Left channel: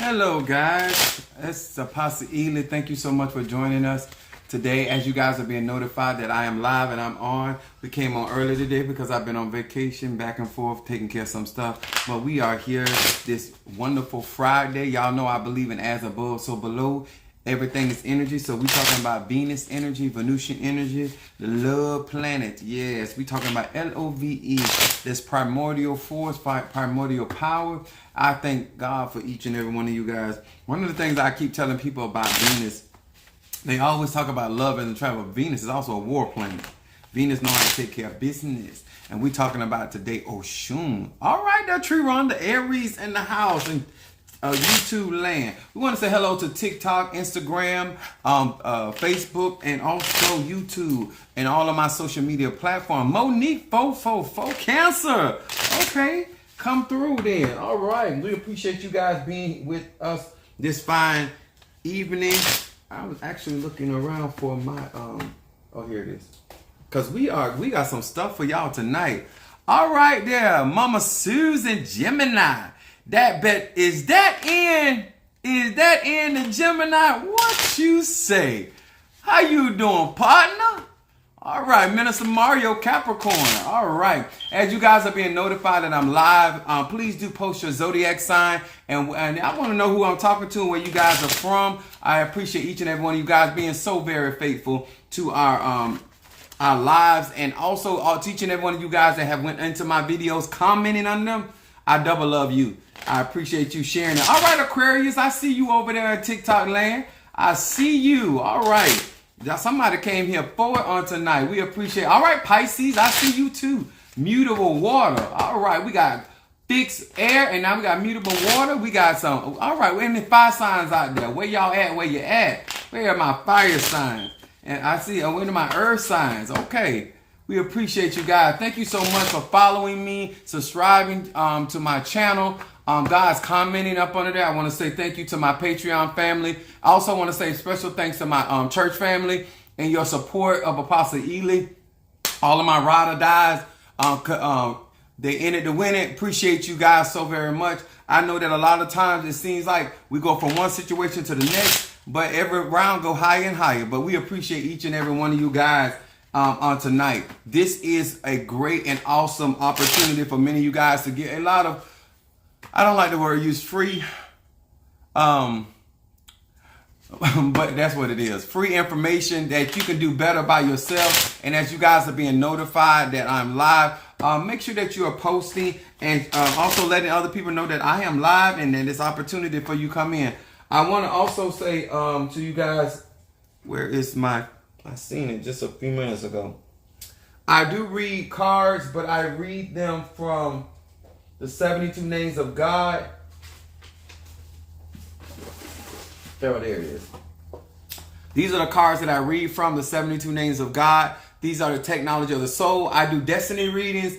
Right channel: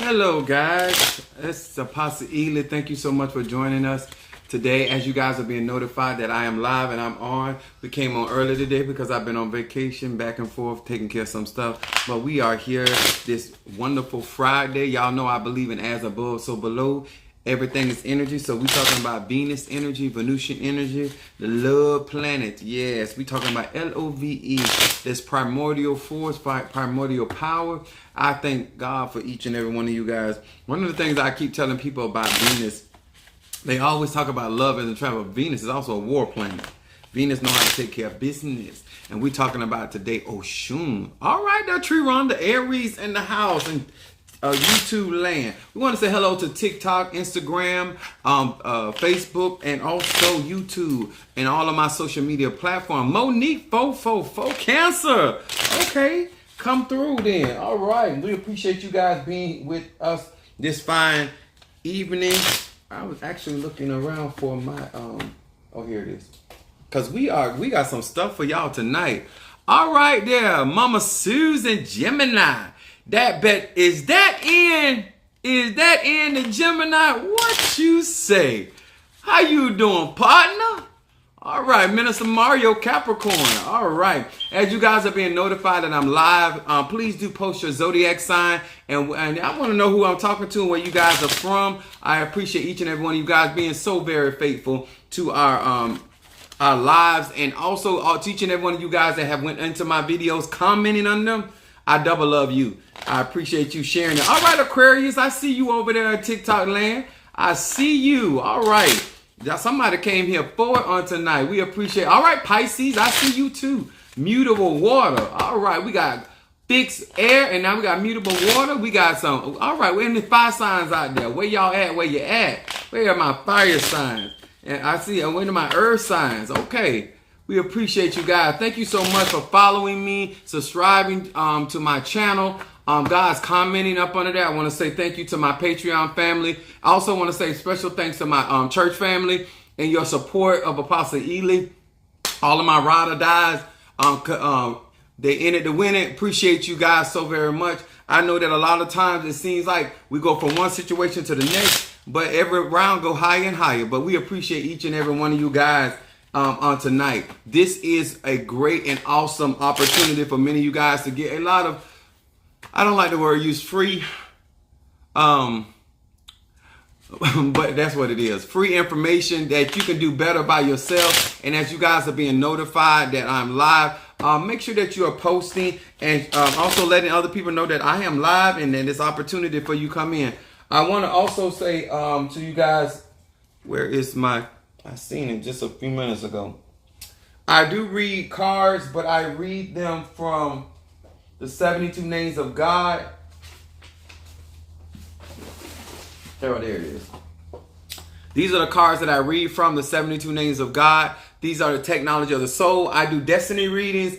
Hello guys, this is Apostle Ely. Thank you so much for joining us today. As you guys are being notified that I am live and I'm on. We came on early today because I've been on vacation back and forth taking care of some stuff. But we are here this wonderful Friday. Y'all know I believe in as above, so below. Everything is energy. So we talking about Venus energy, Venusian energy, the love planet. Yes, we talking about LOVE, this primordial force, primordial power. I thank God for each and every one of you guys. One of the things I keep telling people about Venus, they always talk about love and travel. Venus is also a war planet. Venus knows how to take care of business. And we talking about today Oshun. All right, now Tree Rhonda, Aries in the house and YouTube land. We want to say hello to TikTok, Instagram, Facebook, and also YouTube and all of my social media platforms. Monique 444 Cancer. Okay, come through then. All right, we appreciate you guys being with us this fine evening. I was actually looking around for my oh, here it is. Cause we got some stuff for y'all tonight. All right, there, Mama Susan Gemini. That bet is that in the Gemini? What you say? How you doing, partner? All right, Minister Mario Capricorn. All right, as you guys are being notified that I'm live, please do post your zodiac sign, and I want to know who I'm talking to and where you guys are from. I appreciate each and every one of you guys being so very faithful to our lives, and also to each and every one of you guys that have went into my videos commenting on them. I double love you. I appreciate you sharing it. All right, Aquarius, I see you over there at TikTok land. I see you. All right. Somebody came here forward on tonight. We appreciate it. All right, Pisces, I see you too. Mutable water. All right, we got fixed air, and now we got mutable water. We got some. All right, we're in the fire signs out there. Where y'all at? Where you at? Where are my fire signs? And I see, where are my earth signs? Okay. We appreciate you guys. Thank you so much for following me, subscribing to my channel. Guys, commenting up under there. I want to say thank you to my Patreon family. I also want to say special thanks to my church family and your support of Apostle Ely. All of my ride or dies, they in it to win it. Appreciate you guys so very much. I know that a lot of times it seems like we go from one situation to the next, but every round go higher and higher. But we appreciate each and every one of you guys. On tonight. This is a great and awesome opportunity for many of you guys to get a lot of, I don't like the word used, free, but that's what it is. Free information that you can do better by yourself. And as you guys are being notified that I'm live, make sure that you are posting and also letting other people know that I am live and that it's opportunity for you come in. I want to also say to you guys, where is my... I seen it just a few minutes ago. I do read cards, but I read them from the 72 Names of God. There it is. These are the cards that I read from the 72 Names of God. These are the technology of the soul. I do destiny readings,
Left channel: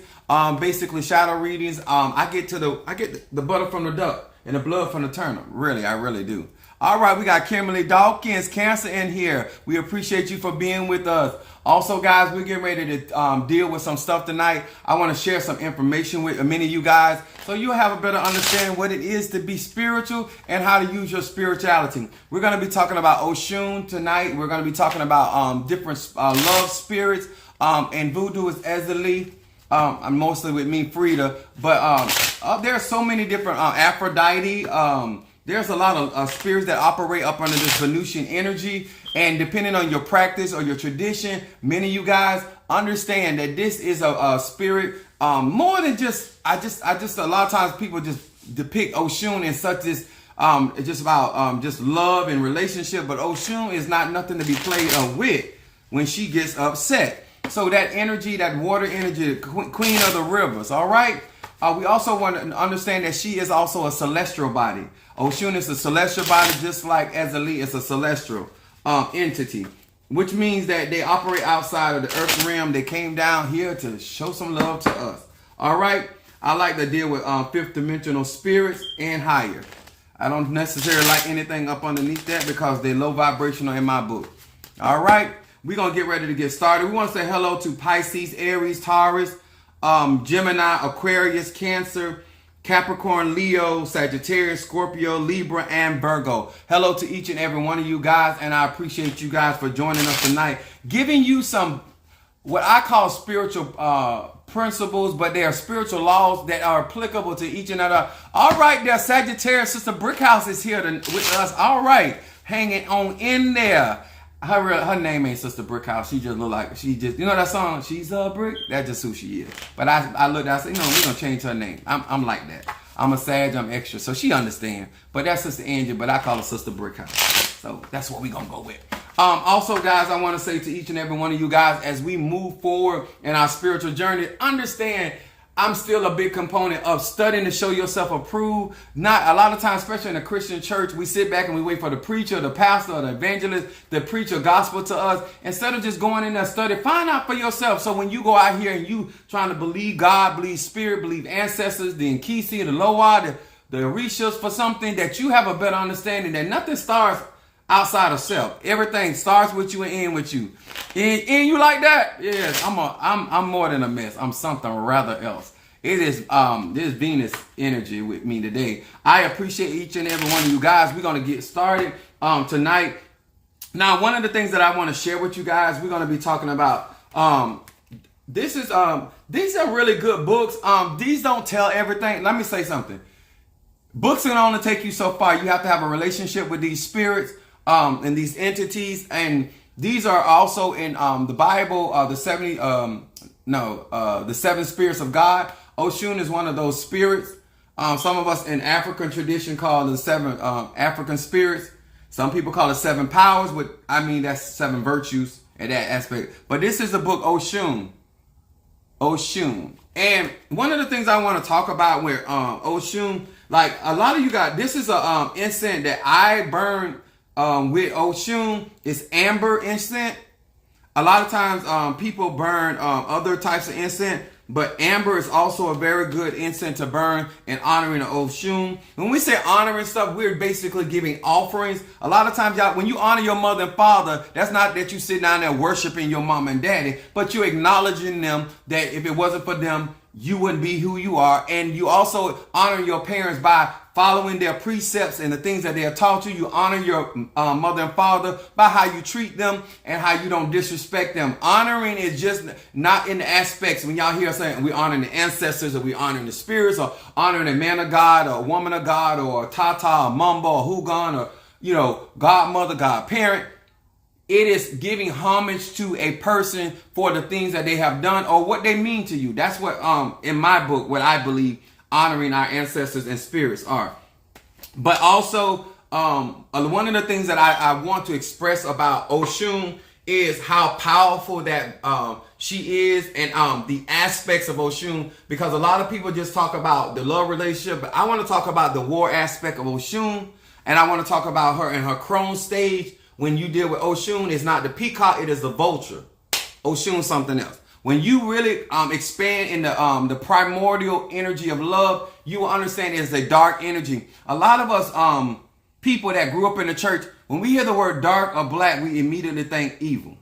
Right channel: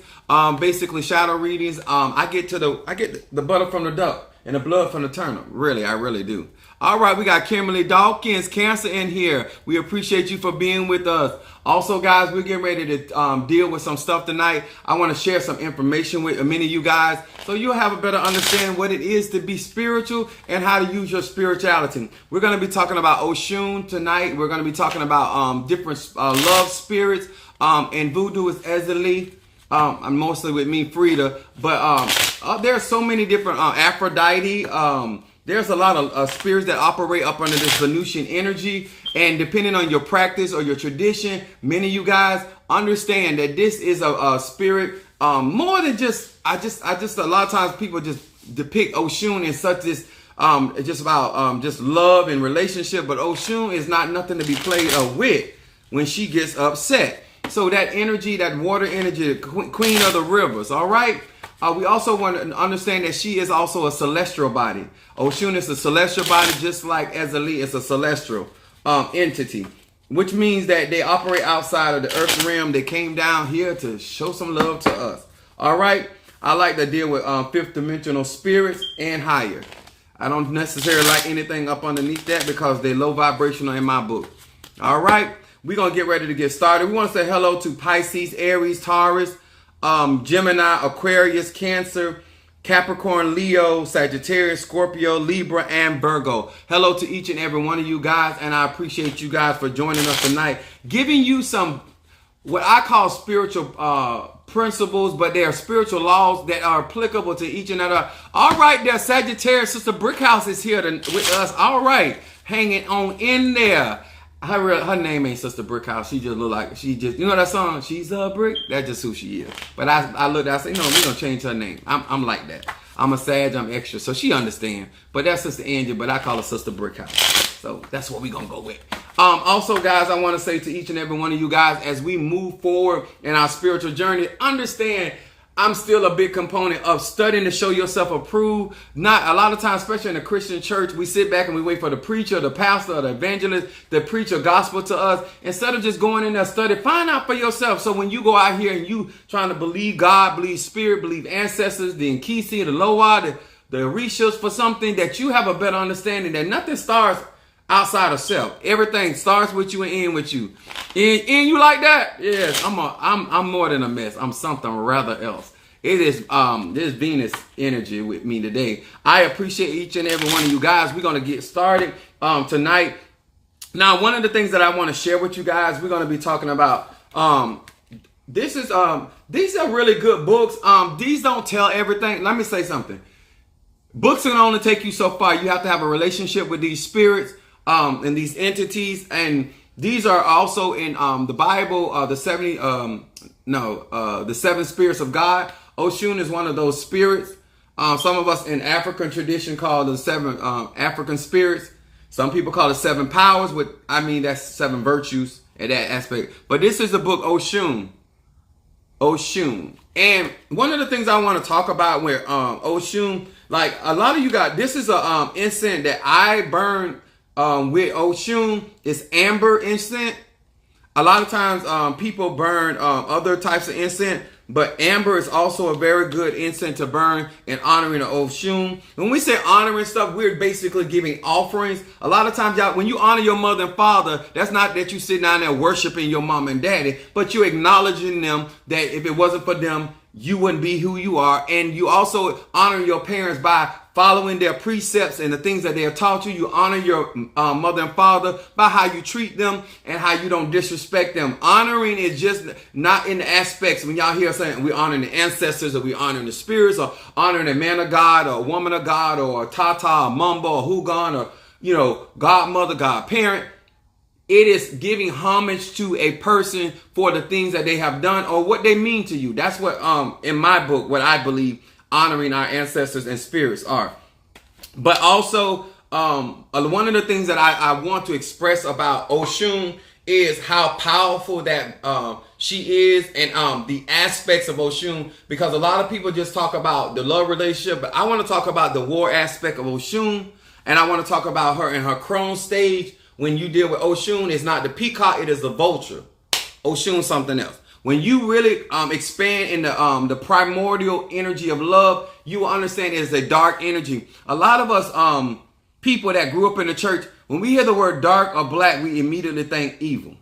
basically shadow readings. I get the butter from the duck and the blood from the turnip. Really, I really do. All right, we got Kimberly Dawkins, Cancer in here. We appreciate you for being with us. Also, guys, we're getting ready to deal with some stuff tonight. I want to share some information with many of you guys so you'll have a better understanding what it is to be spiritual and how to use your spirituality. We're going to be talking about Oshun tonight. We're going to be talking about different love spirits. And voodoo is Ezeli. I'm mostly with me, Frida. But there are so many different Aphrodite. There's a lot of spirits that operate up under this Venusian energy. And depending on your practice or your tradition, many of you guys understand that this is a spirit more than just, I just a lot of times people just depict Oshun in such this, just about just love and relationship. But Oshun is not nothing to be played with when she gets upset. So that energy, that water energy, the queen of the rivers, all right? We also want to understand that she is also a celestial body. Oshun is a celestial body, just like Ezeli is a celestial entity, which means that they operate outside of the earth realm. They came down here to show some love to us. All right. I like to deal with fifth dimensional spirits and higher. I don't necessarily like anything up underneath that because they're low vibrational in my book. All right. We're going to get ready to get started. We want to say hello to Pisces, Aries, Taurus, Gemini, Aquarius, Cancer, Capricorn, Leo, Sagittarius, Scorpio, Libra, and Virgo. Hello to each and every one of you guys, and I appreciate you guys for joining us tonight, giving you some what I call spiritual principles, but they are spiritual laws that are applicable to each another. All right, there, Sagittarius, Sister Brickhouse is here with us. All right, hanging on in there. Her name ain't Sister Brickhouse. She just look like, you know that song, She's a Brick? That's just who she is. But I looked at her, I said, we're going to change her name. I'm like that. I'm a Sag, I'm extra. So she understands. But that's Sister Angie, but I call her Sister Brickhouse. So that's what we're going to go with. Also, guys, I want to say to each and every one of you guys, as we move forward in our spiritual journey, understand I'm still a big component of studying to show yourself approved. Not a lot of times, especially in a Christian church, we sit back and we wait for the preacher, the pastor, the evangelist to preach a gospel to us. Instead of just going in there study, find out for yourself. So when you go out here and you trying to believe God, believe spirit, believe ancestors, the Nkisi, the Loa, the Orishas for something, that you have a better understanding that nothing starts outside of self. Everything starts with you and ends with you. And you like that? Yes, I'm more than a mess. I'm something rather else. It is this Venus energy with me today. I appreciate each and every one of you guys. We're gonna get started tonight. Now, one of the things that I want to share with you guys, we're gonna be talking about these are really good books. These don't tell everything. Let me say something. Books can only take you so far. You have to have a relationship with these spirits and these entities, and these are also in the Bible. The seven spirits of God. Oshun is one of those spirits. Some of us in African tradition call the seven African spirits. Some people call it seven powers. That's seven virtues in that aspect. But this is the book Oshun. Oshun. And one of the things I want to talk about with Oshun, like a lot of you guys, this is a incense that I burn with Oshun. It's amber incense. A lot of times people burn other types of incense, but amber is also a very good incense to burn in honoring the Oshun. When we say honoring stuff, we're basically giving offerings. A lot of times, y'all, when you honor your mother and father, that's not that you sit down there worshiping your mom and daddy, but you're acknowledging them, that if it wasn't for them, you wouldn't be who you are. And you also honor your parents by following their precepts and the things that they have taught you. You honor your mother and father by how you treat them and how you don't disrespect them. Honoring is just not in the aspects when y'all hear saying we honoring the ancestors, or we honoring the spirits, or honoring a man of God or a woman of God, or a tata, a mamba, or hugan, or godmother, godparent. It is giving homage to a person for the things that they have done or what they mean to you. That's what, in my book, what I believe honoring our ancestors and spirits are. But also, one of the things that I want to express about Oshun is how powerful that she is, and the aspects of Oshun, because a lot of people just talk about the love relationship, but I want to talk about the war aspect of Oshun, and I want to talk about her in her crone stage. When you deal with Oshun, it's not the peacock, it is the vulture. Oshun something else. When you really expand in the primordial energy of love, you will understand it's a dark energy. A lot of us people that grew up in the church, when we hear the word dark or black, we immediately think evil,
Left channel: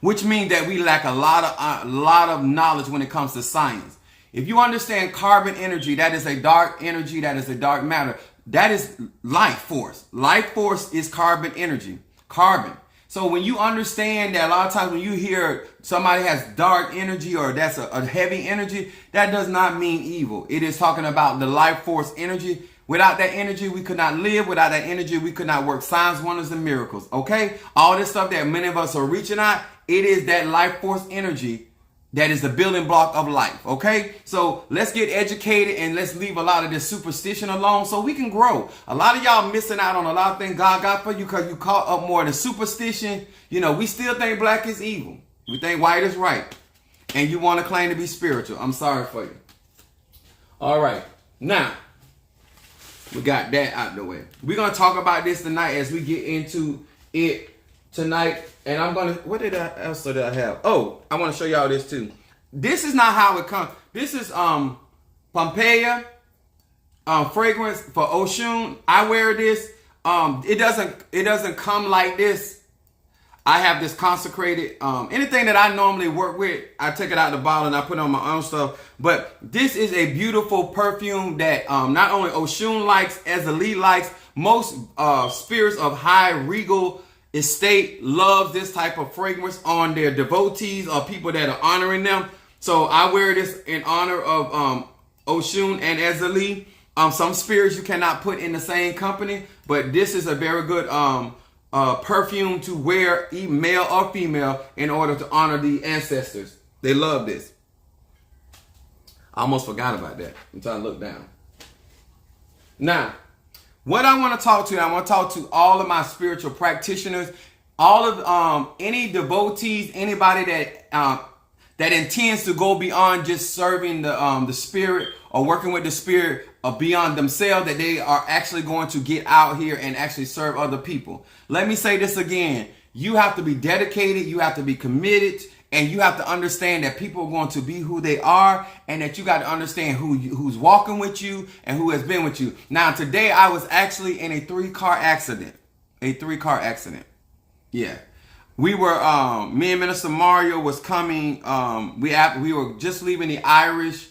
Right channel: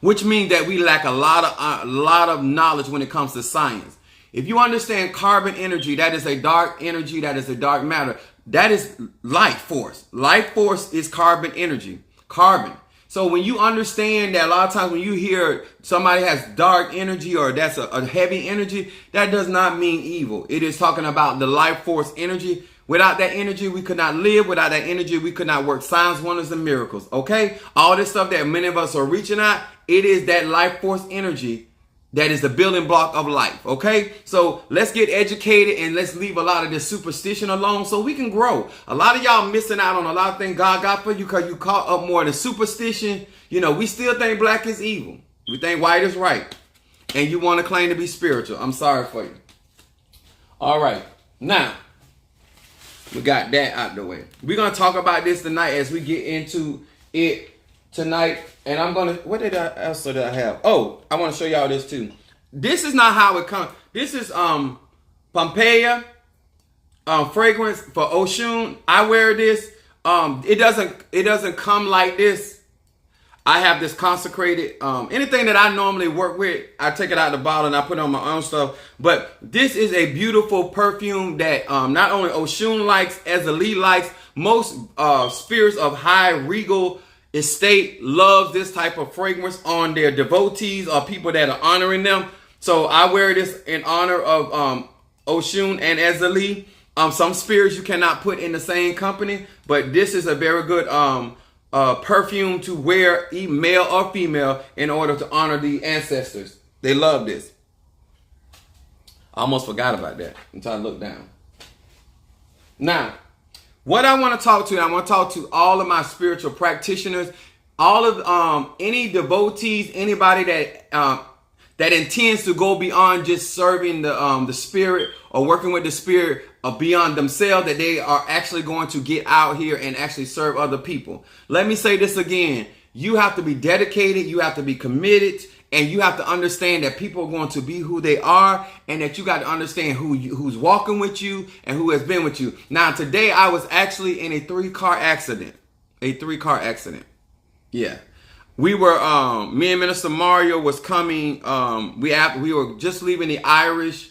which means that we lack a lot of knowledge when it comes to science. If you understand carbon energy, that is a dark energy, that is a dark matter. That is life force. Life force is carbon energy. Carbon. So when you understand that, a lot of times when you hear somebody has dark energy or that's a heavy energy, that does not mean evil. It is talking about the life force energy. Without that energy, we could not live. Without that energy, we could not work signs, wonders, and miracles. Okay? All this stuff that many of us are reaching out, it is that life force energy that is the building block of life. Okay? So let's get educated and let's leave a lot of this superstition alone so we can grow. A lot of y'all missing out on a lot of things God got for you because you caught up more in the superstition. We still think black is evil. We think white is right. And you want to claim to be spiritual. I'm sorry for you. All right. Now, we got that out the way. We're going to talk about this tonight as we get into it tonight. And I'm going to, what else did I have? Oh, I want to show y'all this too. This is not how it comes. This is Pompeia fragrance for Oshun. I wear this. It doesn't come like this. I have this consecrated, anything that I normally work with, I take it out of the bottle and I put on my own stuff. But this is a beautiful perfume that not only Oshun likes, Ezeli likes, most spirits of high regal estate loves this type of fragrance on their devotees or people that are honoring them. So I wear this in honor of Oshun and Ezeli. Some spirits you cannot put in the same company, but this is a very good perfume to wear, male or female, in order to honor the ancestors. They love this. I almost forgot about that. I'm trying to look down. Now, what I want to talk to, I want to talk to all of my spiritual practitioners, all of any devotees, anybody that intends to go beyond just serving the spirit or working with the spirit or beyond themselves, that they are actually going to get out here and actually serve other people. Let me say this again. You have to be dedicated. You have to be committed. And you have to understand that people are going to be who they are, and that you got to understand who's walking with you and who has been with you. Now, today I was actually in a three-car accident. Yeah. We were, me and Minister Mario was coming. We were just leaving the Irish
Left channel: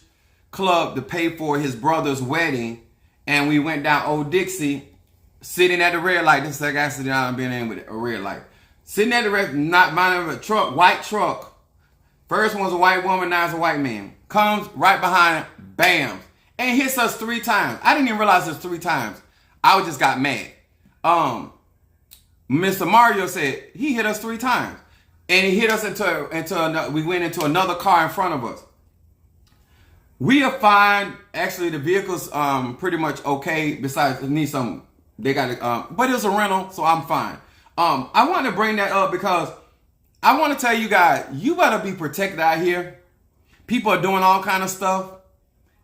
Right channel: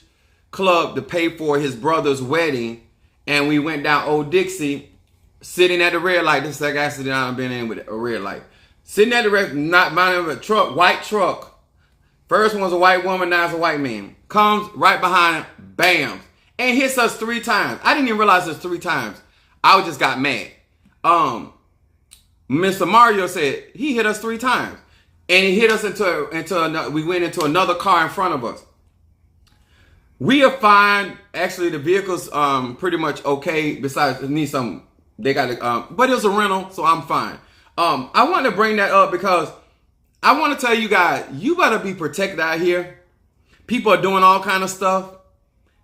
club to pay for his brother's wedding. And we went down Old Dixie, sitting at the red light. This is the second accident I've been in with a red light. Sitting at the red, not minding a truck, white truck. First one was a white woman, now it's a white man. Comes right behind, bam, and hits us 3 times. I didn't even realize it was 3 times. I just got mad. Mr. Mario said he hit us 3 times, and he hit us into another. We went into another car in front of us. We are fine. Actually, the vehicle's pretty much okay. Besides, it needs some. They got it, but it was a rental, so I'm fine. I want to bring that up because I want to tell you guys, you better be protected out here. People are doing all kind of stuff.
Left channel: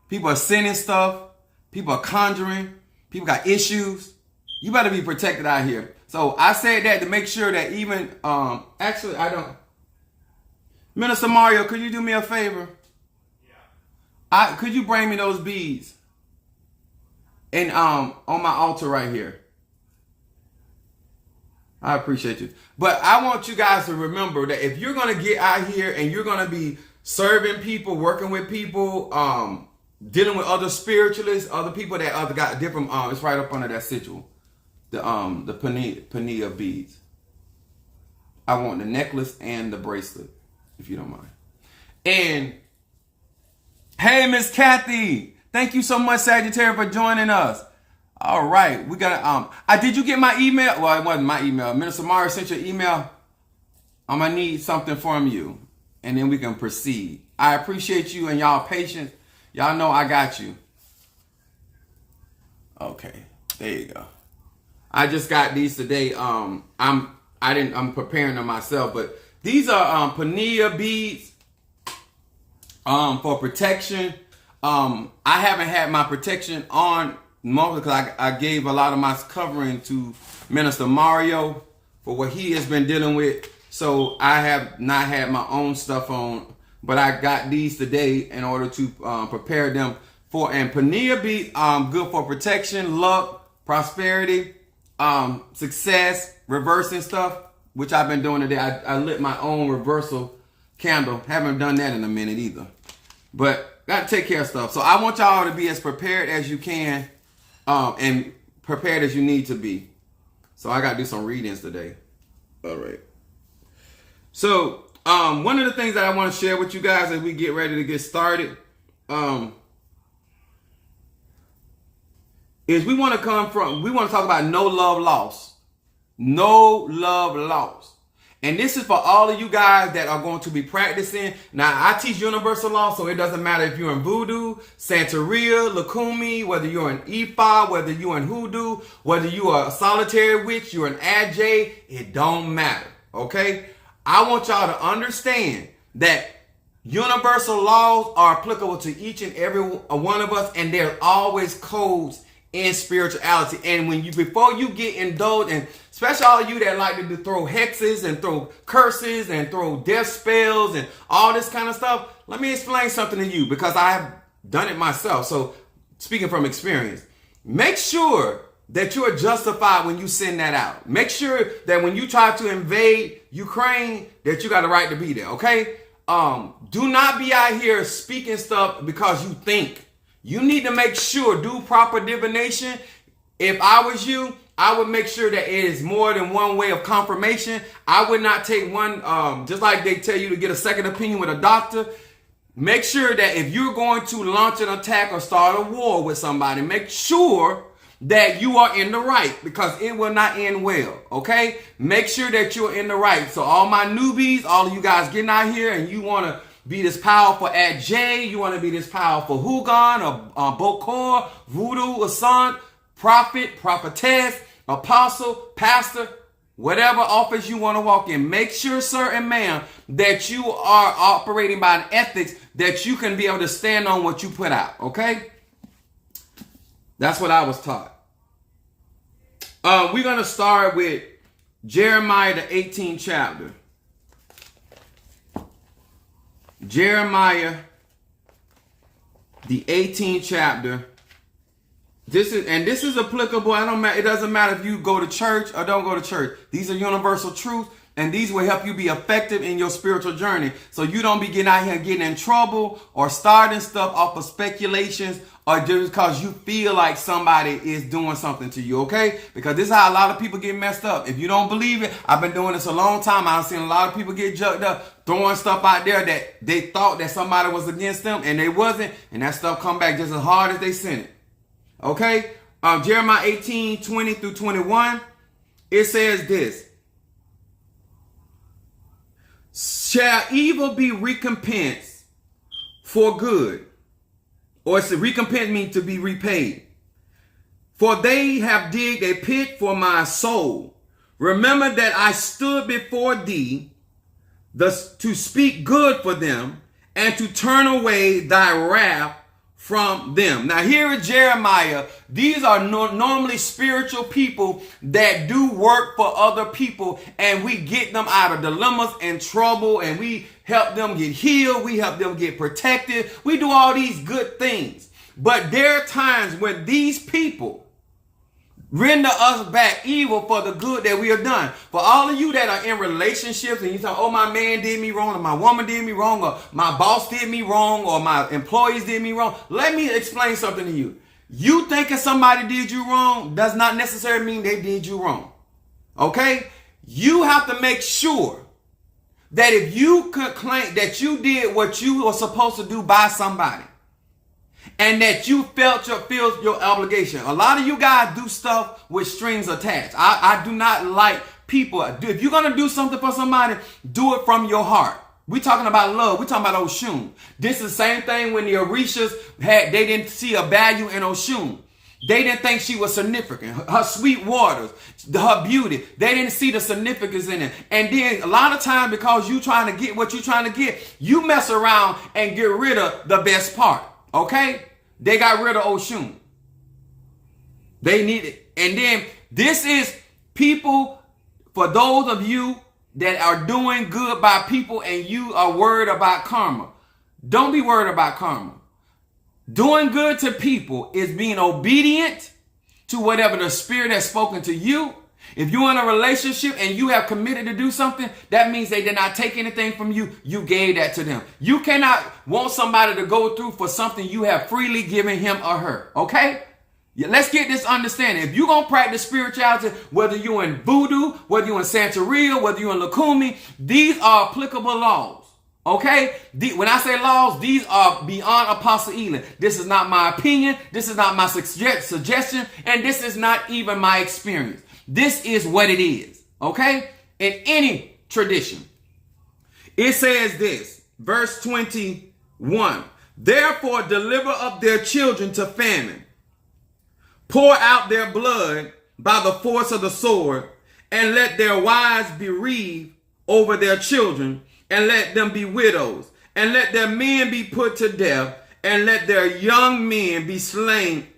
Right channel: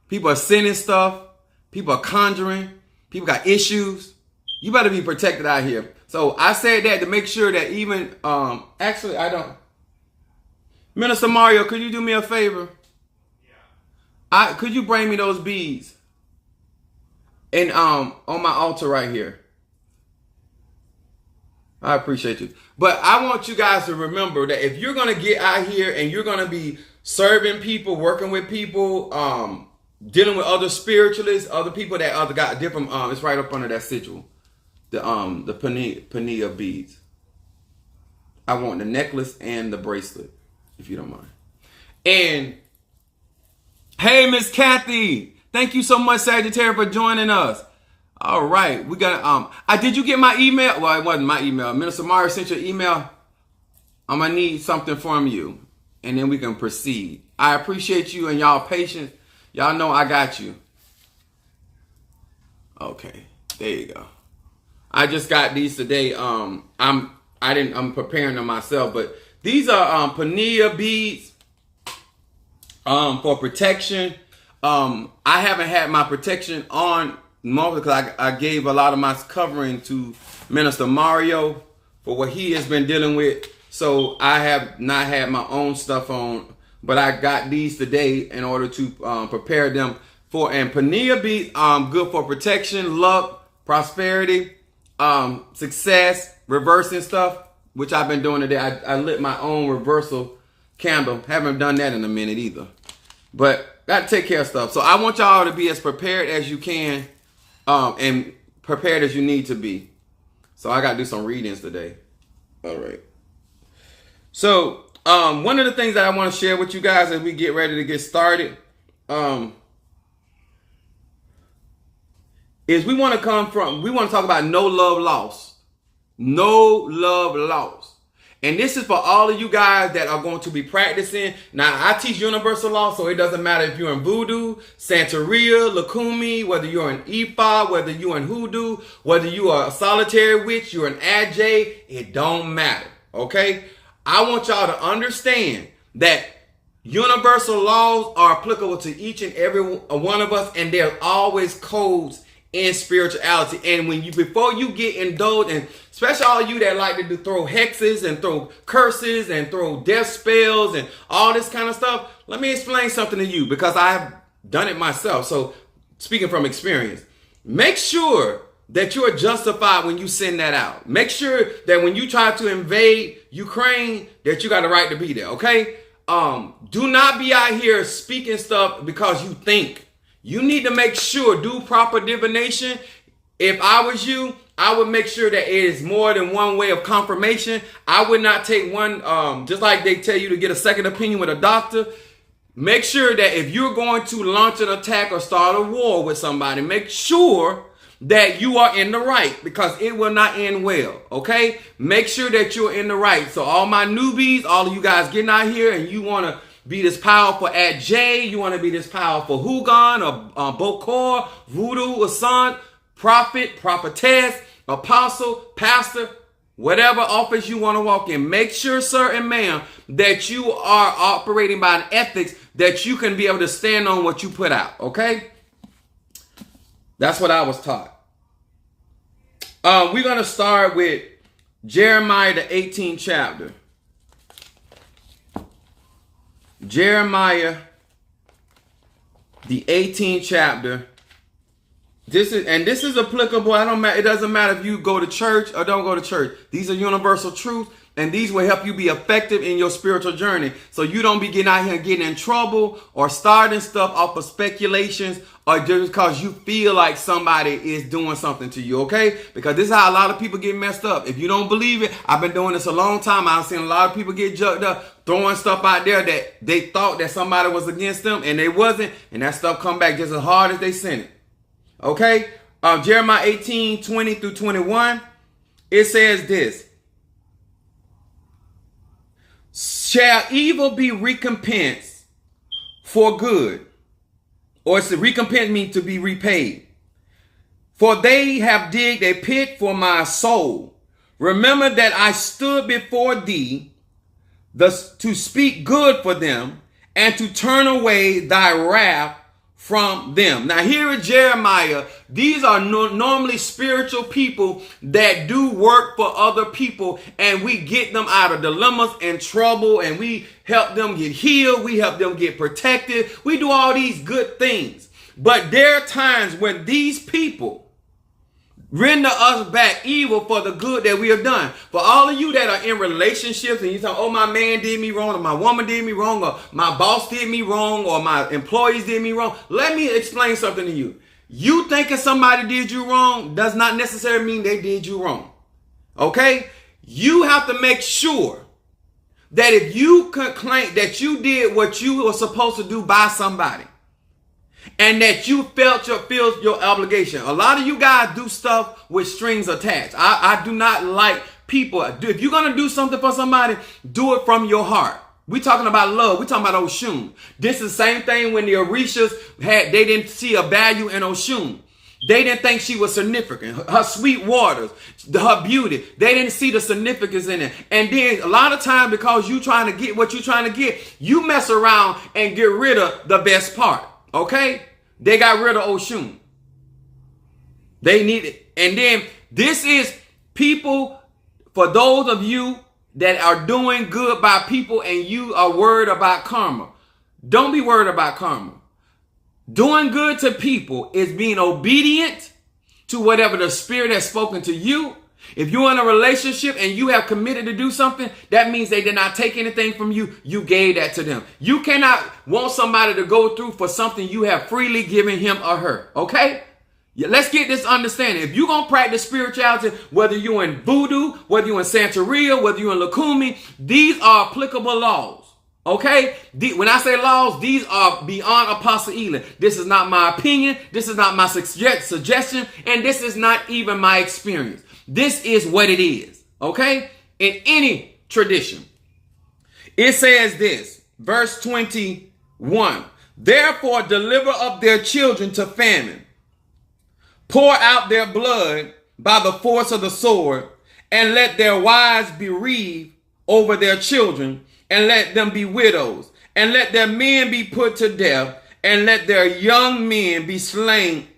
People are sending stuff. People are conjuring. People got issues. You better be protected out here. So I said that to make sure that even, actually I don't. Minister Mario, could you do me a favor? Yeah. Could you bring me those beads? And on my altar right here. I appreciate you. But I want you guys to remember that if you're going to get out here and you're going to be serving people, working with people, dealing with other spiritualists, other people that got different, it's right up under that sigil, the Pania beads. I want the necklace and the bracelet, if you don't mind. And hey, Miss Kathy, thank you so much, Sagittarius, for joining us. All right, we got did you get my email? Well, it wasn't my email. Minister Mario sent you an email. I'm gonna need something from you, and then we can proceed. I appreciate you and y'all patience. Y'all know I got you. Okay, there you go. I just got these today. I'm preparing them myself, but these are Pania beads for protection. I haven't had my protection on mostly because I gave a lot of my covering to Minister Mario for what he has been dealing with. So I have not had my own stuff on, but I got these today in order to prepare them for. And Pania beads, good for protection, luck, prosperity, success, reversing stuff, which I've been doing today. I lit my own reversal candle. Haven't done that in a minute either. But got to take care of stuff. So I want y'all to be as prepared as you can. And prepared as you need to be. So I got to do some readings today. All right. So one of the things that I want to share with you guys as we get ready to get started is we want to talk about no love lost. No love lost. And this is for all of you guys that are going to be practicing. Now, I teach universal law, so it doesn't matter if you're in voodoo, Santeria, Lakumi, whether you're in Ifa, whether you're in hoodoo, whether you are a solitary witch, you're an Ajay, it don't matter, okay? I want y'all to understand that universal laws are applicable to each and every one of us, and there's always codes in spirituality. And before you get indulged, and especially all of you that like to throw hexes and throw curses and throw death spells and all this kind of stuff, let me explain something to you because I've done it myself. So speaking from experience, make sure that you are justified when you send that out. Make sure that when you try to invade Ukraine, that you got the right to be there, okay? Do not be out here speaking stuff because you think. You need to make sure, do proper divination. If I was you, I would make sure that it is more than one way of confirmation. I would not take one, just like they tell you to get a second opinion with a doctor. Make sure that if you're going to launch an attack or start a war with somebody, make sure that you are in the right, because it will not end well, okay? Make sure that you're in the right. So all my newbies, all of you guys getting out here and you want to be this powerful at J, you want to be this powerful Hugon or Bokor, Voodoo, Asant, prophet, prophetess, apostle, pastor, whatever office you want to walk in. Make sure, sir and ma'am, that you are operating by an ethics that you can be able to stand on what you put out, okay? That's what I was taught. We're going to start with Jeremiah, the 18th chapter. Jeremiah, the 18th chapter. This is applicable. It doesn't matter if you go to church or don't go to church. These are universal truths, and these will help you be effective in your spiritual journey. So you don't be getting out here and getting in trouble or starting stuff off of speculations or just because you feel like somebody is doing something to you, okay? Because this is how a lot of people get messed up. If you don't believe it, I've been doing this a long time. I've seen a lot of people get jucked up, throwing stuff out there that they thought that somebody was against them, and they wasn't, and that stuff come back just as hard as they sent it. Okay? Jeremiah 18, 20 through 21, it says this. Shall evil be recompensed for good? Or it's to recompense me to be repaid. For they have digged a pit for my soul. Remember that I stood before thee to speak good for them and to turn away thy wrath from them. Now here is Jeremiah. These are normally spiritual people that do work for other people, and we get them out of dilemmas and trouble, and we help them get healed. We help them get protected. We do all these good things. But there are times when these people render us back evil for the good that we have done. For all of you that are in relationships and you say, oh, my man did me wrong, or my woman did me wrong, or my boss did me wrong, or my employees did me wrong. Let me explain something to you. You thinking somebody did you wrong does not necessarily mean they did you wrong. Okay? You have to make sure that if you could claim that you did what you were supposed to do by somebody, and that you felt your obligation. A lot of you guys do stuff with strings attached. I do not like people. If you're going to do something for somebody, do it from your heart. We're talking about love. We're talking about Oshun. This is the same thing when the Orishas they didn't see a value in Oshun. They didn't think she was significant. Her sweet waters, her beauty, they didn't see the significance in it. And then a lot of times, because you trying to get what you're trying to get, you mess around and get rid of the best part. Okay? They got rid of Oshun. They need it. And then this is people, for those of you that are doing good by people and you are worried about karma. Don't be worried about karma. Doing good to people is being obedient to whatever the Spirit has spoken to you. If you're in a relationship and you have committed to do something, that means they did not take anything from you. You gave that to them. You cannot want somebody to go through for something you have freely given him or her. Okay? Let's get this understanding. If you're going to practice spirituality, whether you're in Voodoo, whether you're in Santeria, whether you're in Lukumi, these are applicable laws. Okay? When I say laws, these are beyond Apostle Ely. This is not my opinion. This is not my suggestion. And this is not even my experience. This is what it is, okay? In any tradition. It says this, verse 21, therefore deliver up their children to famine, pour out their blood by the force of the sword, and let their wives bereave over their children, and let them be widows, and let their men be put to death, and let their young men be slain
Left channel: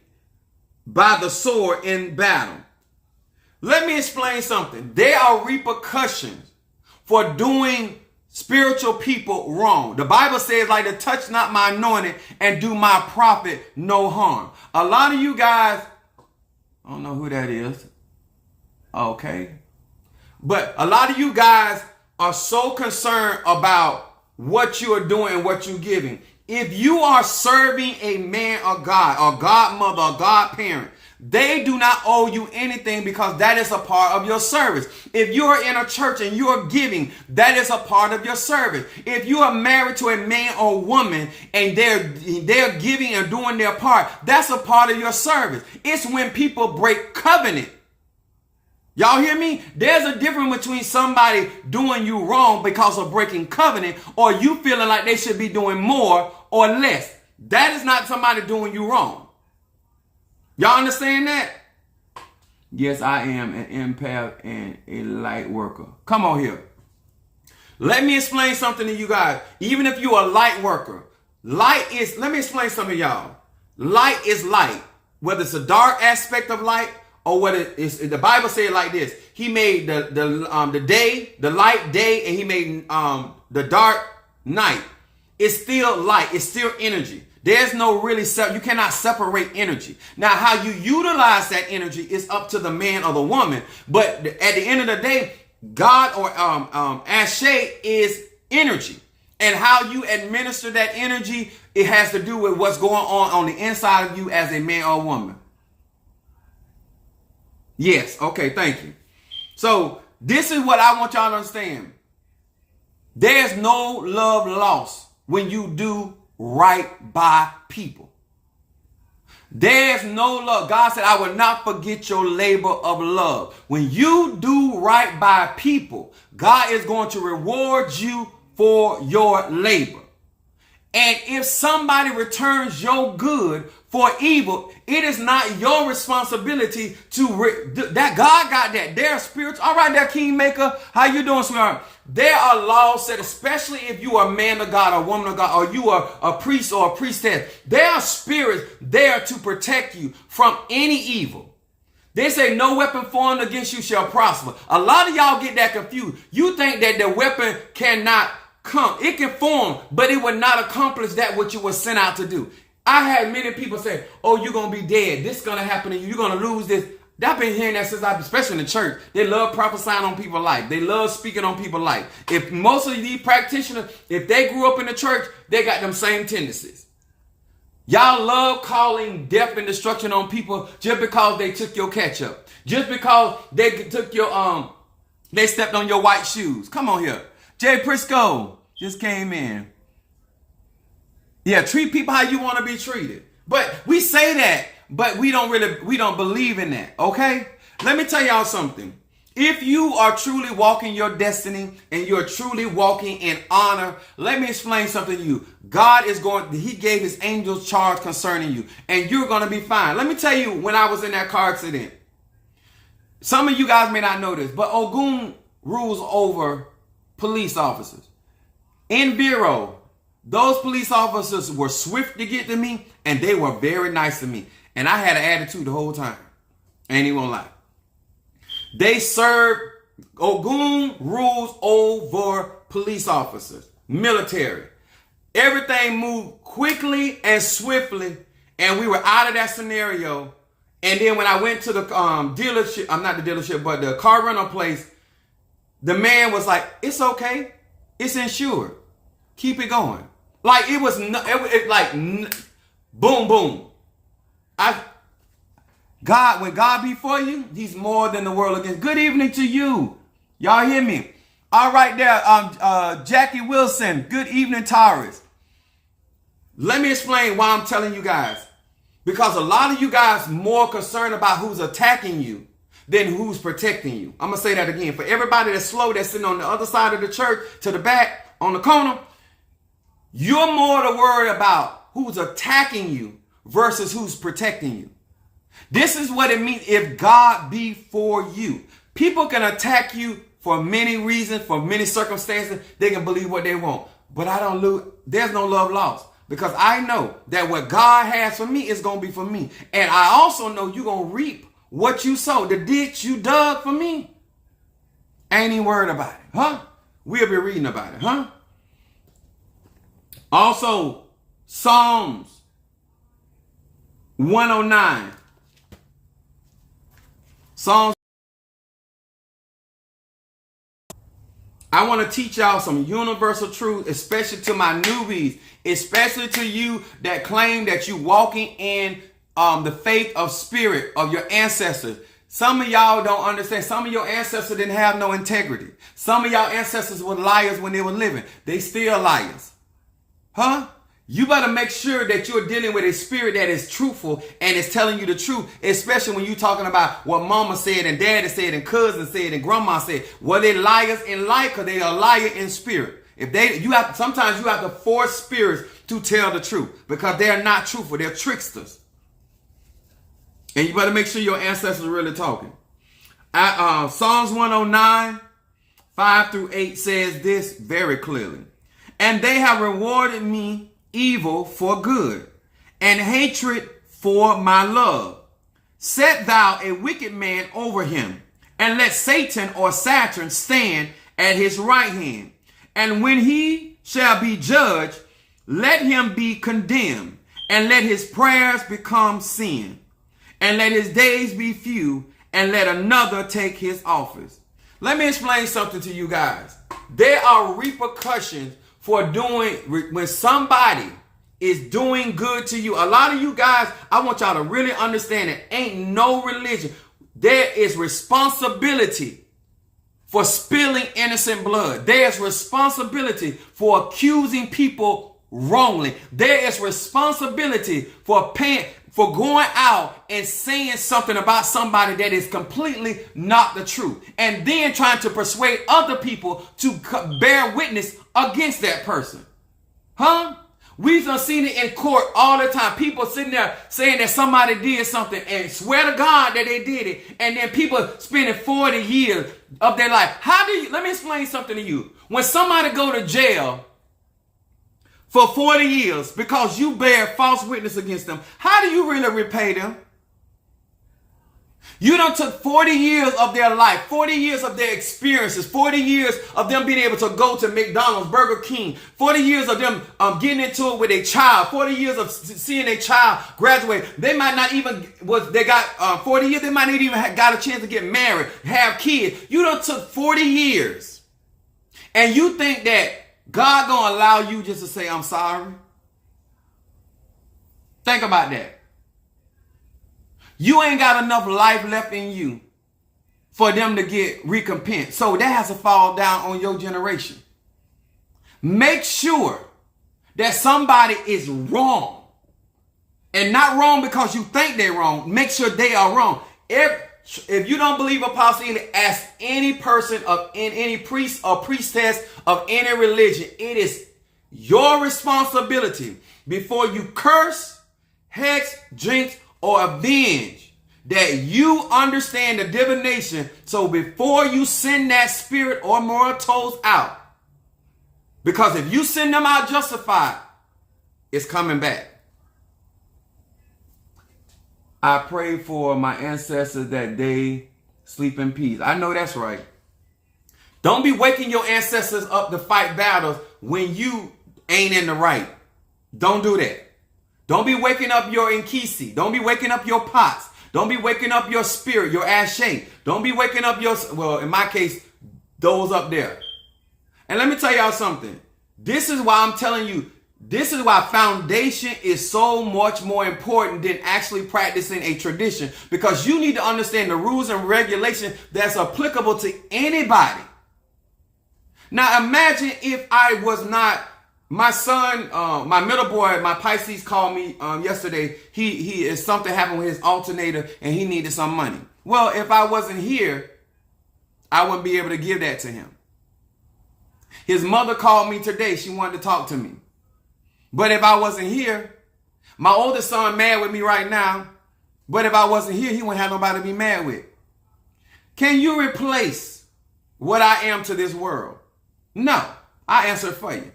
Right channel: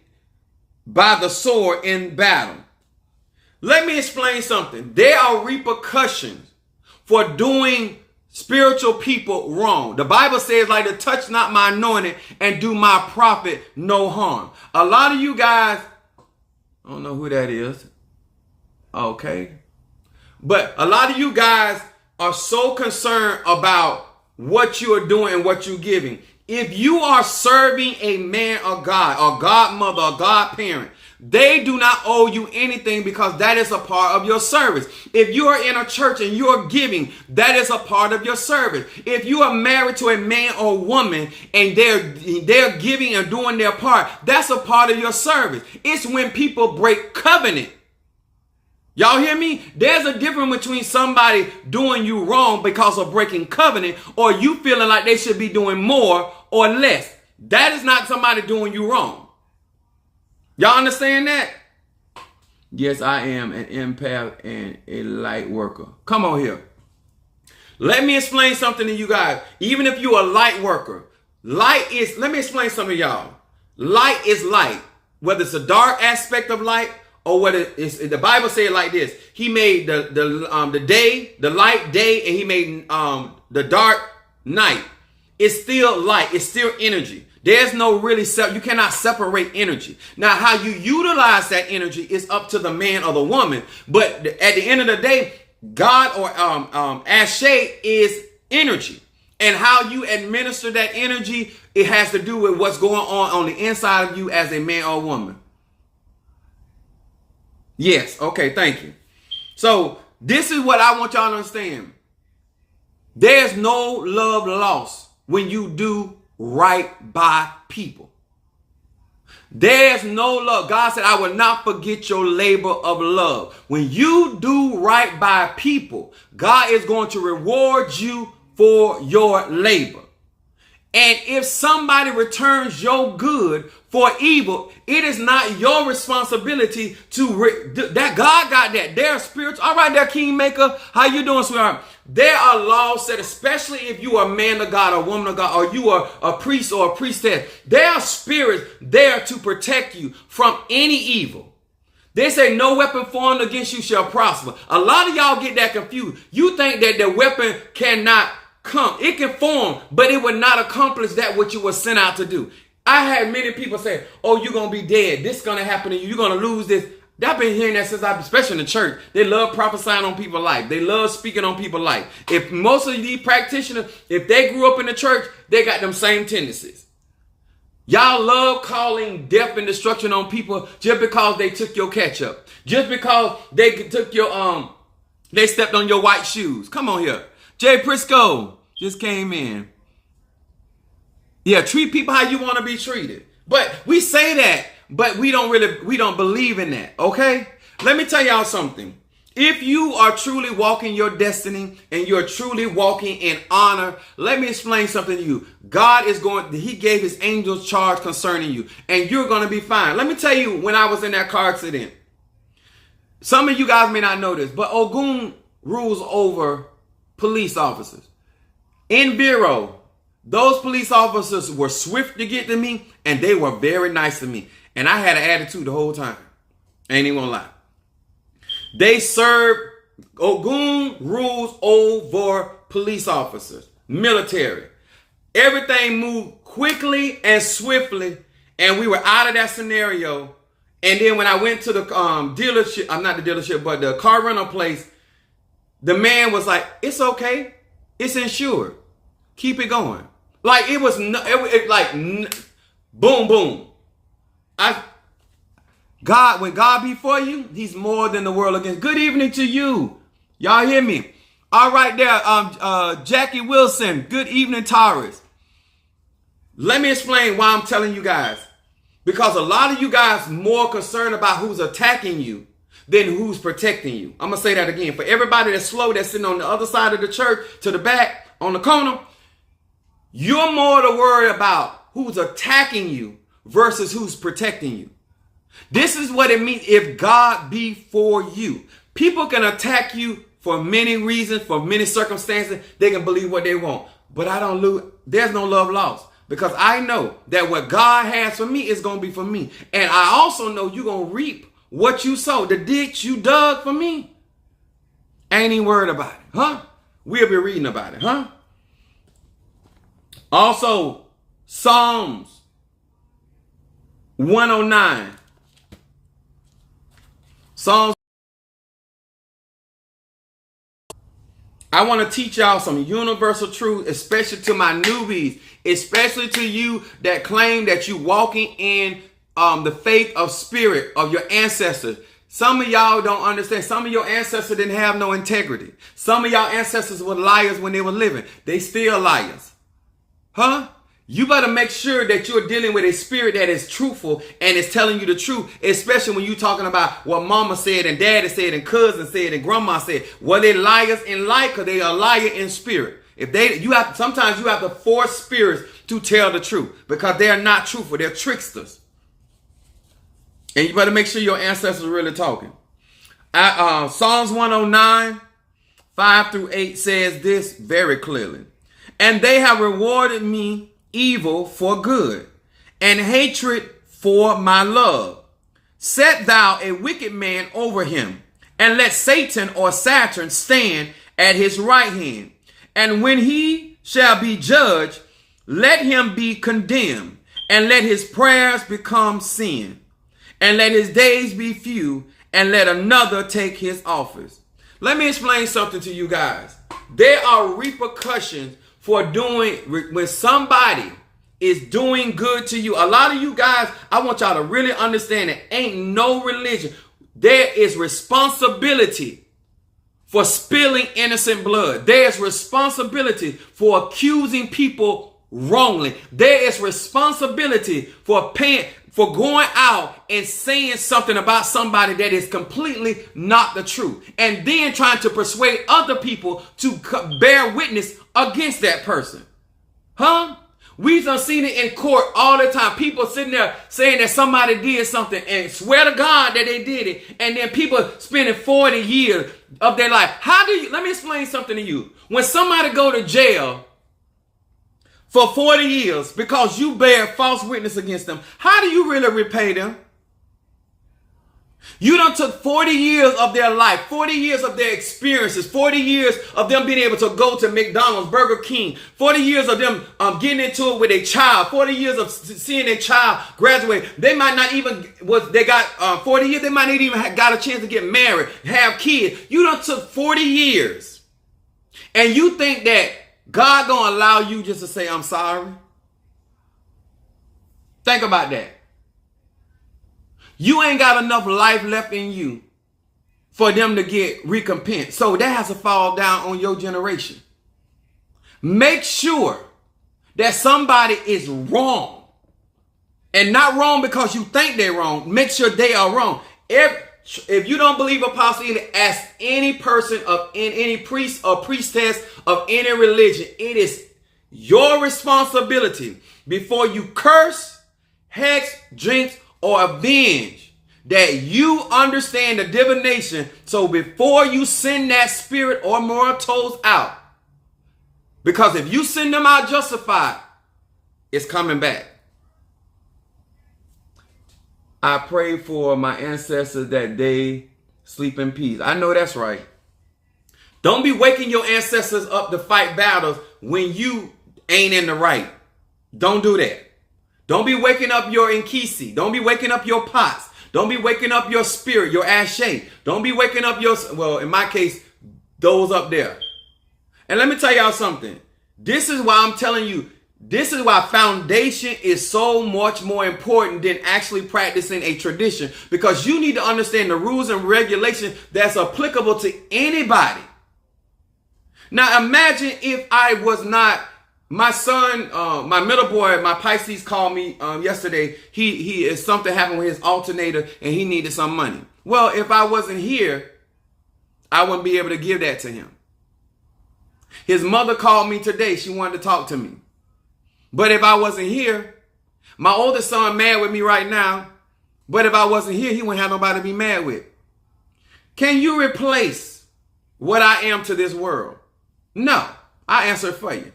by the sword in battle. Let me explain something. There are repercussions for doing spiritual people wrong. The Bible says, like, to touch not my anointed and do my prophet no harm. A lot of you guys, I don't know who that is. Okay. But a lot of you guys are so concerned about what you are doing and what you're giving. If you are serving a man or God, or godmother, or godparent, they do not owe you anything because that is a part of your service. If you are in a church and you are giving, that is a part of your service. If you are married to a man or woman and they're giving and doing their part, that's a part of your service. It's when people break covenant. Y'all hear me? There's a difference between somebody doing you wrong because of breaking covenant or you feeling like they should be doing more or less. That is not somebody doing you wrong. Y'all understand that? Yes, I am an empath and a light worker. Come on here. Let me explain something to you guys. Even if you're a light worker, let me explain something to y'all. Light is light. Whether it's a dark aspect of light or whether it's, the Bible says it like this. He made the day, the light day, and he made the dark night. It's still light. It's still energy. There's no really, you cannot separate energy. Now, how you utilize that energy is up to the man or the woman. But at the end of the day, God or Ashe is energy. And how you administer that energy, it has to do with what's going on the inside of you as a man or woman. Yes. Okay. Thank you. So this is what I want y'all to understand. There's no love lost when you do right by people. There's no love. God said, I will not forget your labor of love. When you do right by people, God is going to reward you for your labor. And if somebody returns your good for evil, it is not your responsibility that God got that. They're spiritual. All right, there, Kingmaker. How you doing, sweetheart? There are laws set, especially if you are a man of God, or woman of God, or you are a priest or a priestess. There are spirits there to protect you from any evil. They say no weapon formed against you shall prosper. A lot of y'all get that confused. You think that the weapon cannot come. It can form, but it will not accomplish that which you were sent out to do. I had many people say, oh, you're going to be dead. This is going to happen to you. You're going to lose this. I've been hearing that since especially in the church. They love prophesying on people's life. They love speaking on people's life. If most of these practitioners, if they grew up in the church, they got them same tendencies. Y'all love calling death and destruction on people just because they took your ketchup. Just because they took your, they stepped on your white shoes. Come on here. Jay Prisco just came in. Yeah, treat people how you want to be treated. But we say that, but we don't believe in that, okay? Let me tell y'all something. If you are truly walking your destiny and you're truly walking in honor, let me explain something to you. God is he gave his angels charge concerning you, and you're going to be fine. Let me tell you, when I was in that car accident, some of you guys may not know this, but Ogun rules over police officers. In Bureau, those police officers were swift to get to me, and they were very nice to me. And I had an attitude the whole time. Ain't even gonna lie. They serve, Ogun rules over police officers, military. Everything moved quickly and swiftly, and we were out of that scenario. And then when I went to the dealership, I'm not the dealership, but the car rental place, the man was like, it's okay. It's insured. Keep it going. Like it was, boom, boom. When God be for you, he's more than the world against. Good evening to you. Y'all hear me? All right there, Jackie Wilson. Good evening, Taurus. Let me explain why I'm telling you guys. Because a lot of you guys more concerned about who's attacking you than who's protecting you. I'm going to say that again. For everybody that's slow, that's sitting on the other side of the church, to the back, on the corner, you're more to worry about who's attacking you versus who's protecting you. This is what it means if God be for you. People can attack you for many reasons, for many circumstances. They can believe what they want. But there's no love lost. Because I know that what God has for me is going to be for me. And I also know you're going to reap what you sowed. The ditch you dug for me. Ain't even worried about it. Huh? We'll be reading about it. Huh? Also, Psalms 109. Psalms. I want to teach y'all some universal truth, especially to my newbies, especially to you that claim that you walking in the faith of spirit of your ancestors. Some of y'all don't understand. Some of your ancestors didn't have no integrity. Some of y'all ancestors were liars when they were living. They still liars. Huh? You better make sure that you're dealing with a spirit that is truthful and is telling you the truth, especially when you're talking about what mama said and daddy said and cousin said and grandma said. Were they liars in life or they are liar in spirit? Sometimes you have to force spirits to tell the truth because they are not truthful. They're tricksters. And you better make sure your ancestors are really talking. Psalms 109, 5 through 8 says this very clearly. And they have rewarded me evil for good, and hatred for my love. Set thou a wicked man over him, and let Satan or Saturn stand at his right hand. And when he shall be judged, let him be condemned, and let his prayers become sin, and let his days be few, and let another take his office. Let me explain something to you guys. There are repercussions for when somebody is doing good to you. A lot of you guys, I want y'all to really understand it. Ain't no religion. There is responsibility for spilling innocent blood. There is responsibility for accusing people wrongly. There is responsibility for going out and saying something about somebody that is completely not the truth. And then trying to persuade other people to bear witness against that person. Huh? We've seen it in court all the time. People sitting there saying that somebody did something and swear to God that they did it. And then people spending 40 years of their life. Let me explain something to you. When somebody go to jail for 40 years because you bear false witness against them, how do you really repay them? You done took 40 years of their life, 40 years of their experiences, 40 years of them being able to go to McDonald's, Burger King, 40 years of them getting into it with a child, 40 years of seeing a child graduate. They might not even, 40 years, they might not even have got a chance to get married, have kids. You done took 40 years. And you think that God gonna allow you just to say, I'm sorry? Think about that. You ain't got enough life left in you for them to get recompense. So that has to fall down on your generation. Make sure that somebody is wrong. And not wrong because you think they're wrong. Make sure they are wrong. If you don't believe Apostle Ely, ask any person any priest or priestess of any religion. It is your responsibility before you curse, hex, jinx, or avenge that you understand the divination. So before you send that spirit or mortals out, because if you send them out justified, it's coming back. I pray for my ancestors that they sleep in peace. I know that's right. Don't be waking your ancestors up to fight battles when you ain't in the right. Don't do that. Don't be waking up your Nkisi. Don't be waking up your pots. Don't be waking up your spirit, your ashe. Don't be waking up in my case, those up there. And let me tell y'all something. This is why I'm telling you, this is why foundation is so much more important than actually practicing a tradition. Because you need to understand the rules and regulations that's applicable to anybody. Now imagine if I was not. My son, my middle boy, my Pisces called me yesterday. He is something happened with his alternator and he needed some money. Well, if I wasn't here, I wouldn't be able to give that to him. His mother called me today. She wanted to talk to me. But if I wasn't here, my oldest son mad with me right now. But if I wasn't here, he wouldn't have nobody to be mad with. Can you replace what I am to this world? No, I answer it for you.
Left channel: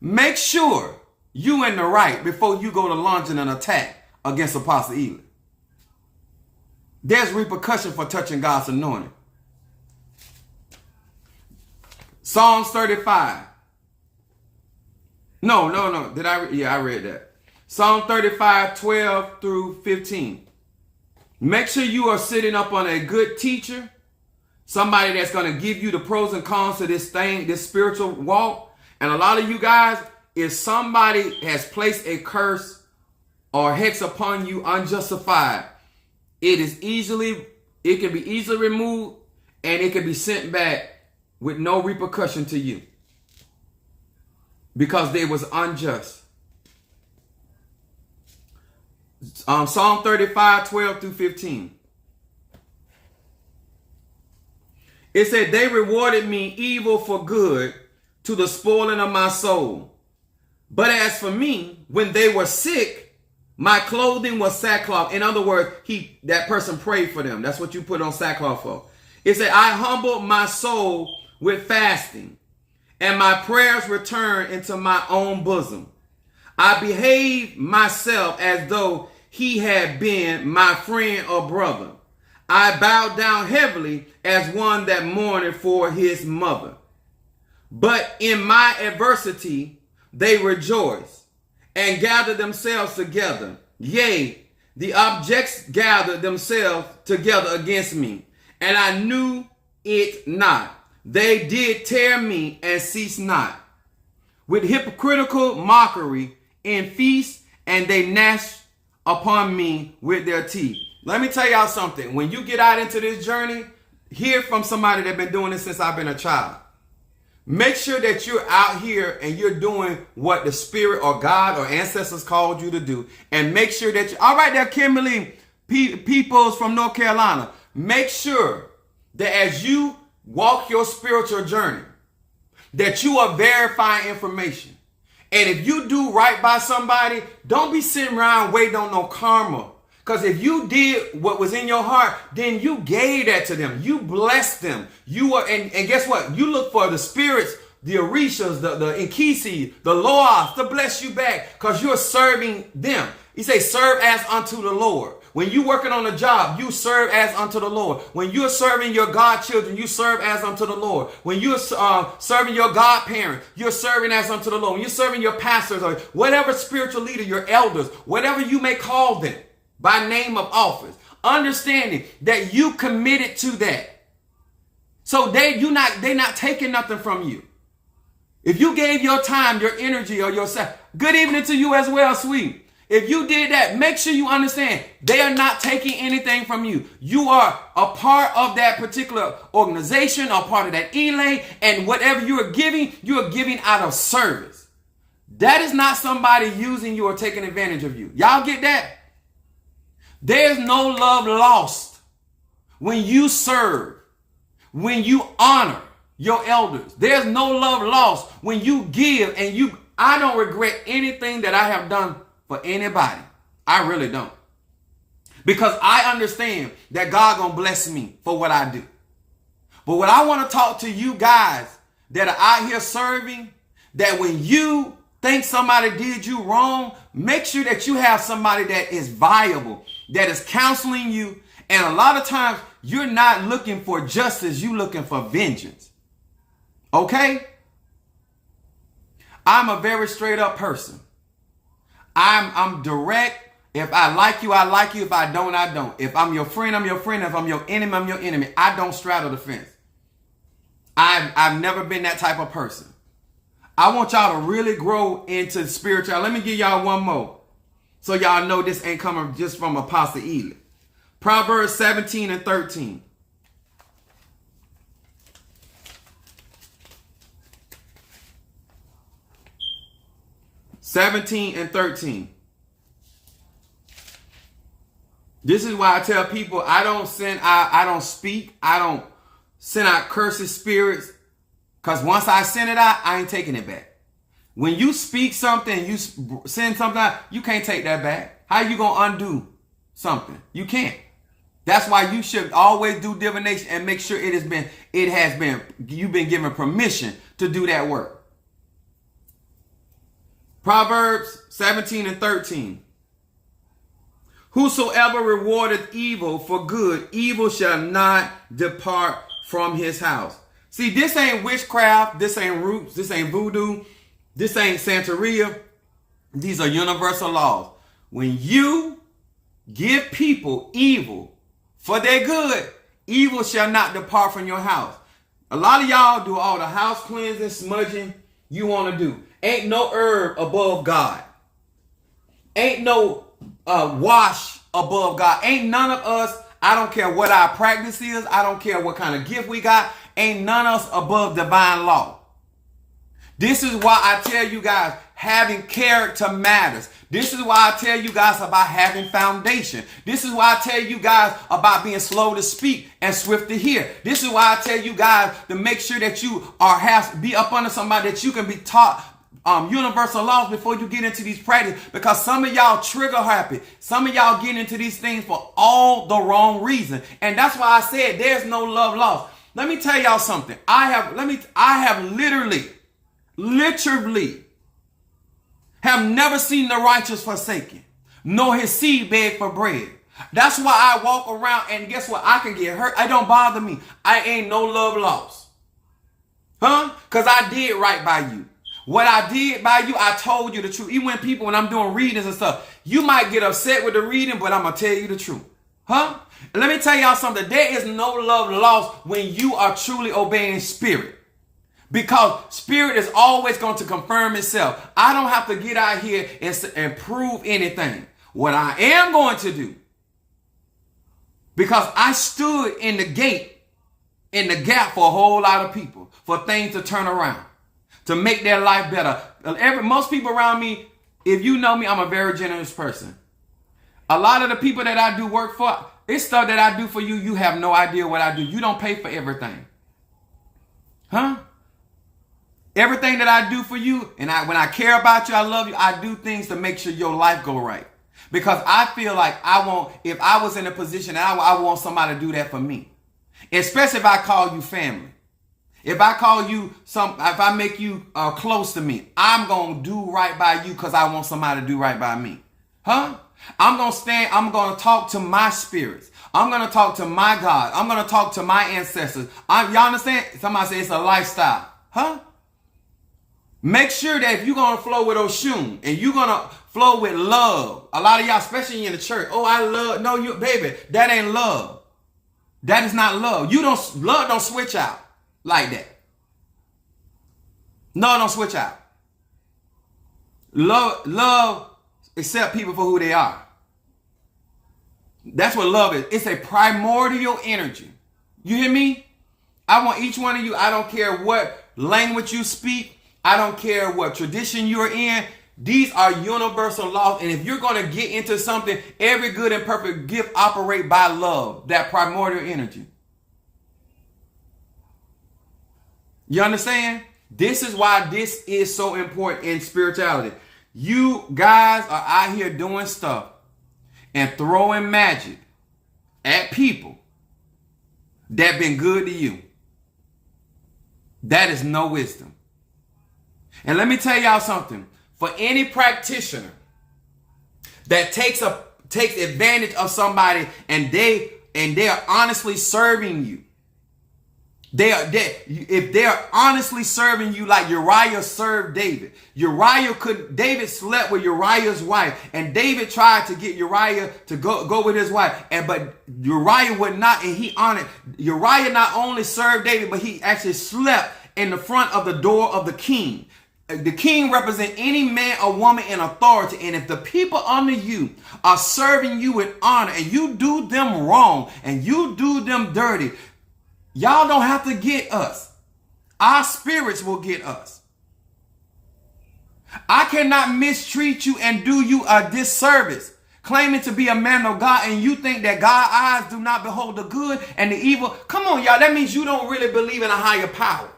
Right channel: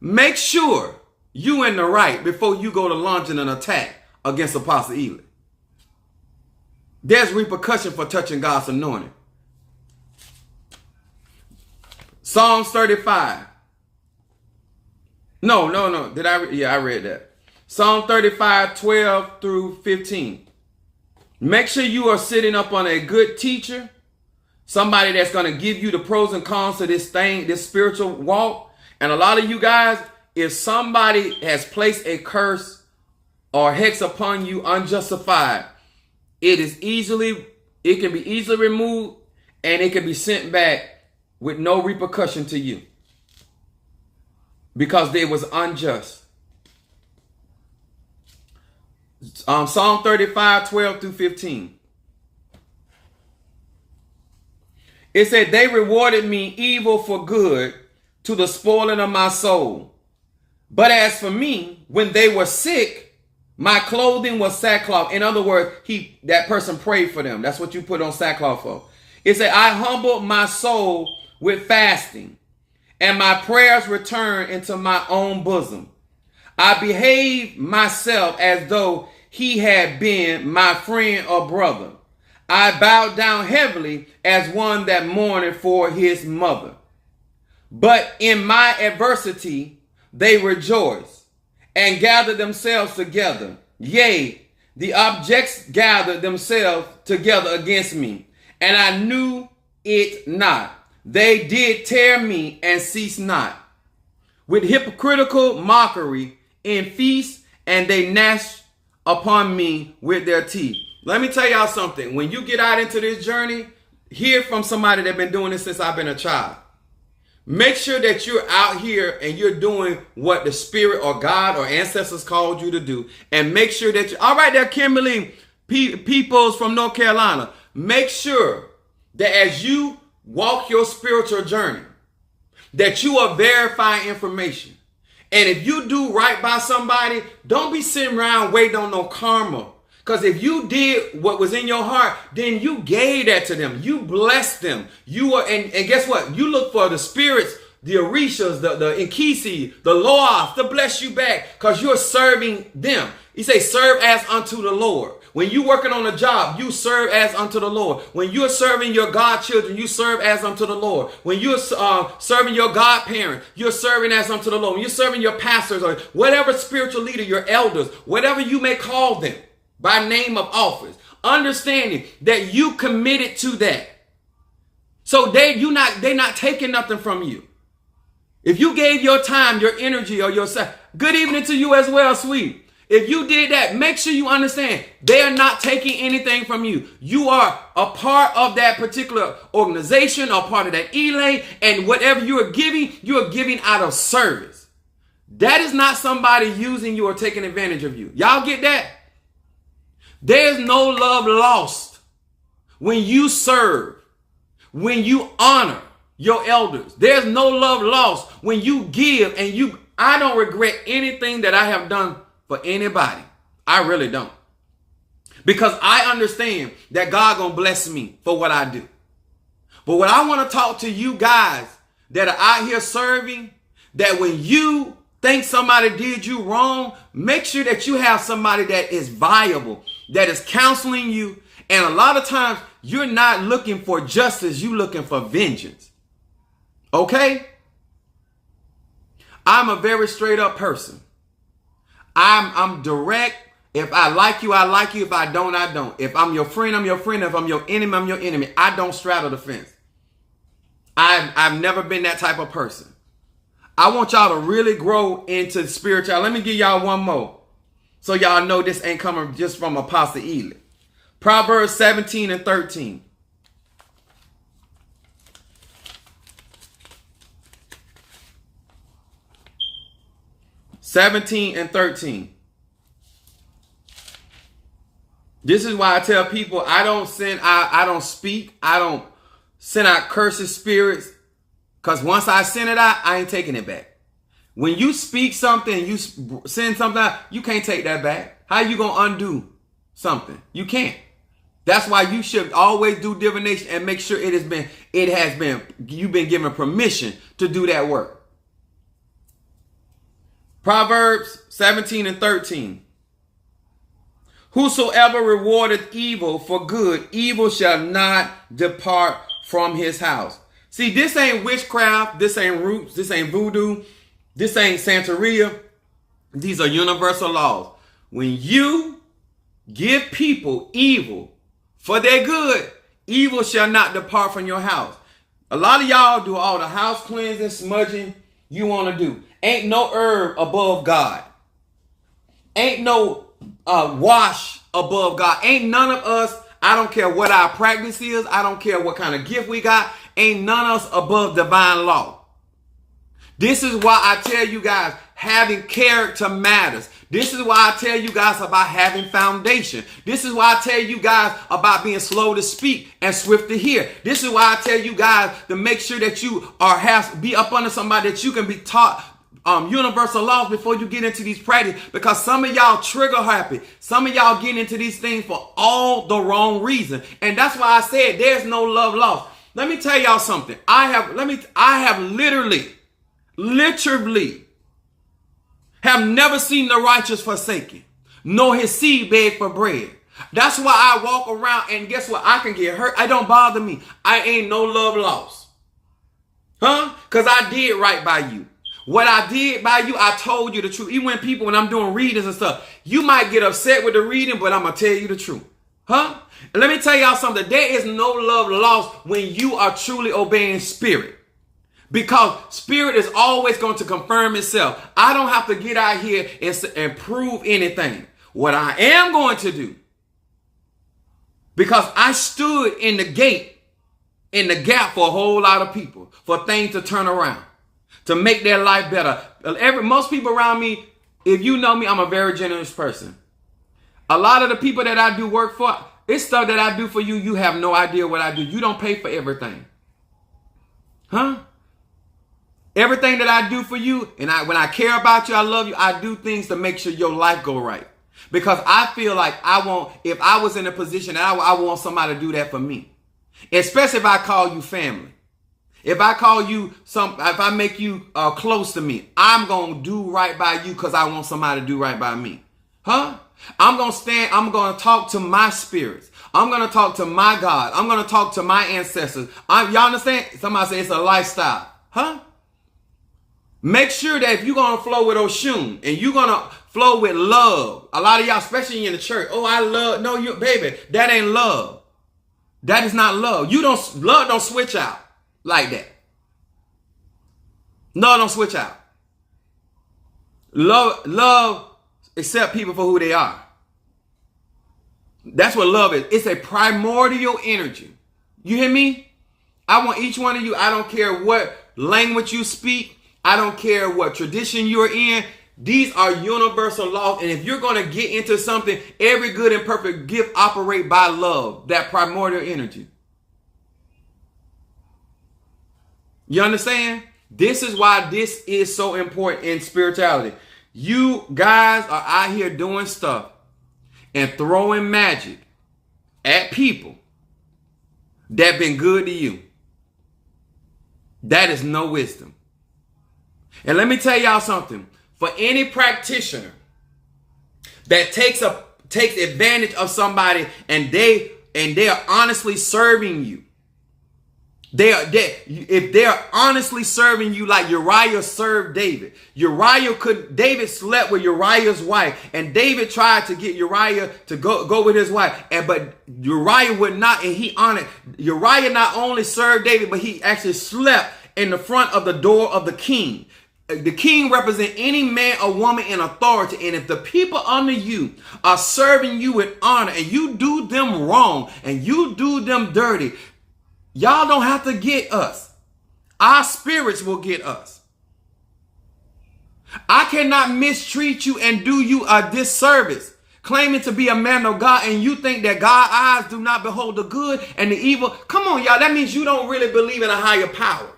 Make sure you in the right before you go to launching an attack against Apostle Ely. There's repercussion for touching God's anointing. Psalms 35. No. I read that. Psalm 35, 12 through 15. Make sure you are sitting up on a good teacher, somebody that's going to give you the pros and cons to this thing, this spiritual walk. And a lot of you guys, if somebody has placed a curse or hex upon you unjustified, it can be easily removed, and it can be sent back with no repercussion to you because it was unjust. Psalm 35, 12 through 15. It said, they rewarded me evil for good to the spoiling of my soul. But as for me, when they were sick, my clothing was sackcloth. In other words, that person prayed for them. That's what you put on sackcloth for. It said, I humbled my soul with fasting, and my prayers returned into my own bosom. I behaved myself as though he had been my friend or brother. I bowed down heavily as one that mourned for his mother. But in my adversity, they rejoiced and gathered themselves together. Yea, the objects gathered themselves together against me, and I knew it not. They did tear me and cease not. With hypocritical mockery in feast, and they gnashed upon me with their teeth. Let me tell y'all something. When you get out into this journey, hear from somebody that's been doing this since I've been a child. Make sure that you're out here and you're doing what the Spirit or God or ancestors called you to do. And make sure that all right there, Kimberly Peoples from North Carolina. Make sure that as you walk your spiritual journey, that you are verifying information. And if you do right by somebody, don't be sitting around waiting on no karma. Because if you did what was in your heart, then you gave that to them. You blessed them. You were, and guess what? You look for the spirits, the Orishas, the Inkisi, the Loas to bless you back because you're serving them. He says, serve as unto the Lord. When you working on a job, you serve as unto the Lord. When you're serving your godchildren, you serve as unto the Lord. When you're serving your godparents, you're serving as unto the Lord. When you're serving your pastors or whatever spiritual leader, your elders, whatever you may call them by name of office, understanding that you committed to that. So they're not taking nothing from you. If you gave your time, your energy, or yourself, good evening to you as well, sweet. If you did that, make sure you understand they are not taking anything from you. You are a part of that particular organization or part of that elay, and whatever you are giving out of service. That is not somebody using you or taking advantage of you. Y'all get that? There's no love lost when you serve, when you honor your elders. There's no love lost when you give and I don't regret anything that I have done for anybody. I really don't. Because I understand that God gonna bless me for what I do. But what I want to talk to you guys that are out here serving, that when you think somebody did you wrong, make sure that you have somebody that is viable, that is counseling you. And a lot of times you're not looking for justice, you're looking for vengeance. Okay? I'm a very straight up person. I'm direct. If I like you, I like you. If I don't, I don't. If I'm your friend, I'm your friend. If I'm your enemy, I'm your enemy. I don't straddle the fence. I've never been that type of person. I want y'all to really grow into spirituality. Let me give y'all one more, so y'all know this ain't coming just from Apostle Ely. Proverbs 17 and 13. This is why I tell people I don't speak, I don't send out curses, spirits, because once I send it out, I ain't taking it back. When you speak something, you send something out, you can't take that back. How you gonna undo something? You can't. That's why you should always do divination and make sure you've been given permission to do that work. Proverbs 17 and 13. Whosoever rewardeth evil for good, evil shall not depart from his house. See, this ain't witchcraft. This ain't roots. This ain't voodoo. This ain't Santeria. These are universal laws. When you give people evil for their good, evil shall not depart from your house. A lot of y'all do all the house cleansing, smudging you want to do. Ain't no herb above God. Ain't no wash above God. Ain't none of us, I don't care what our practice is. I don't care what kind of gift we got. Ain't none of us above divine law. This is why I tell you guys, having character matters. This is why I tell you guys about having foundation. This is why I tell you guys about being slow to speak and swift to hear. This is why I tell you guys to make sure that you be up under somebody that you can be taught universal laws before you get into these practices, because some of y'all trigger happy. Some of y'all get into these things for all the wrong reason. And that's why I said there's no love lost. Let me tell y'all something. I have literally have never seen the righteous forsaken, nor his seed beg for bread. That's why I walk around, and guess what? I can get hurt. It don't bother me. I ain't no love lost. Because I did right by you. What I did by you, I told you the truth. Even when I'm doing readings and stuff, you might get upset with the reading, but I'm going to tell you the truth. Let me tell y'all something. There is no love lost when you are truly obeying spirit. Because spirit is always going to confirm itself. I don't have to get out here and prove anything. What I am going to do, because I stood in the gap for a whole lot of people, for things to turn around, to make their life better. Most people around me, if you know me, I'm a very generous person. A lot of the people that I do work for, it's stuff that I do for you. You have no idea what I do. You don't pay for everything. Everything that I do for you, and when I care about you, I love you, I do things to make sure your life go right. Because I feel like if I was in a position, I want somebody to do that for me. Especially if I call you family. If I call you if I make you close to me, I'm going to do right by you because I want somebody to do right by me. I'm going to talk to my spirits. I'm going to talk to my God. I'm going to talk to my ancestors. Y'all understand? Somebody say it's a lifestyle. Make sure that if you're going to flow with Oshun and you're going to flow with love, a lot of y'all, especially in the church, I love, no, you, baby, that ain't love. That is not love. Love don't switch out like that. No, don't switch out. Love accept people for who they are. That's what love is. It's a primordial energy. You hear me? I want each one of you, I don't care what language you speak. I don't care what tradition you're in. These are universal laws. And if you're going to get into something, every good and perfect gift operate by love, that primordial energy. You understand? This is why this is so important in spirituality. You guys are out here doing stuff and throwing magic at people that been good to you. That is no wisdom. And let me tell y'all something. For any practitioner that takes advantage of somebody and they are honestly serving you, if they are honestly serving you like Uriah served David. David slept with Uriah's wife, and David tried to get Uriah to go with his wife, but Uriah would not, and he honored. Uriah not only served David, but he actually slept in the front of the door of the king. The king represents any man or woman in authority. And if the people under you are serving you with honor and you do them wrong and you do them dirty, y'all don't have to get us. Our spirits will get us. I cannot mistreat you and do you a disservice, claiming to be a man of God, and you think that God's eyes do not behold the good and the evil. Come on, y'all. That means you don't really believe in a higher power.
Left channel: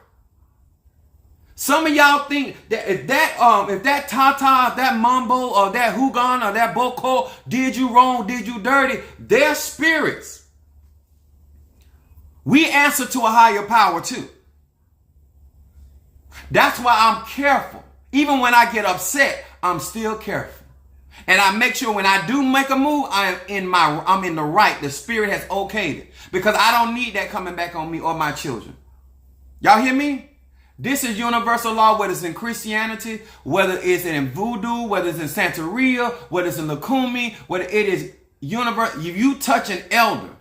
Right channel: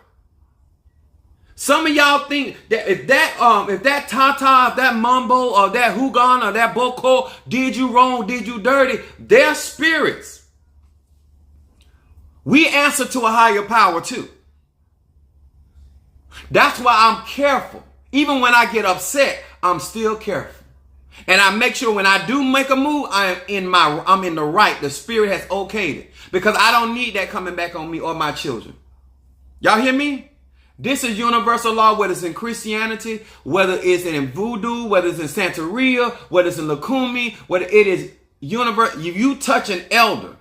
Some of y'all think that if that Tata, that Mambo, or that Hugon, or that Boko did you wrong, did you dirty, they're spirits. We answer to a higher power too. That's why I'm careful. Even when I get upset, I'm still careful. And I make sure when I do make a move, I'm in the right. The spirit has okayed it. Because I don't need that coming back on me or my children. Y'all hear me? This is universal law, whether it's in Christianity, whether it's in voodoo, whether it's in Santeria, whether it's in Lukumi, whether it is universe, if you touch an elder,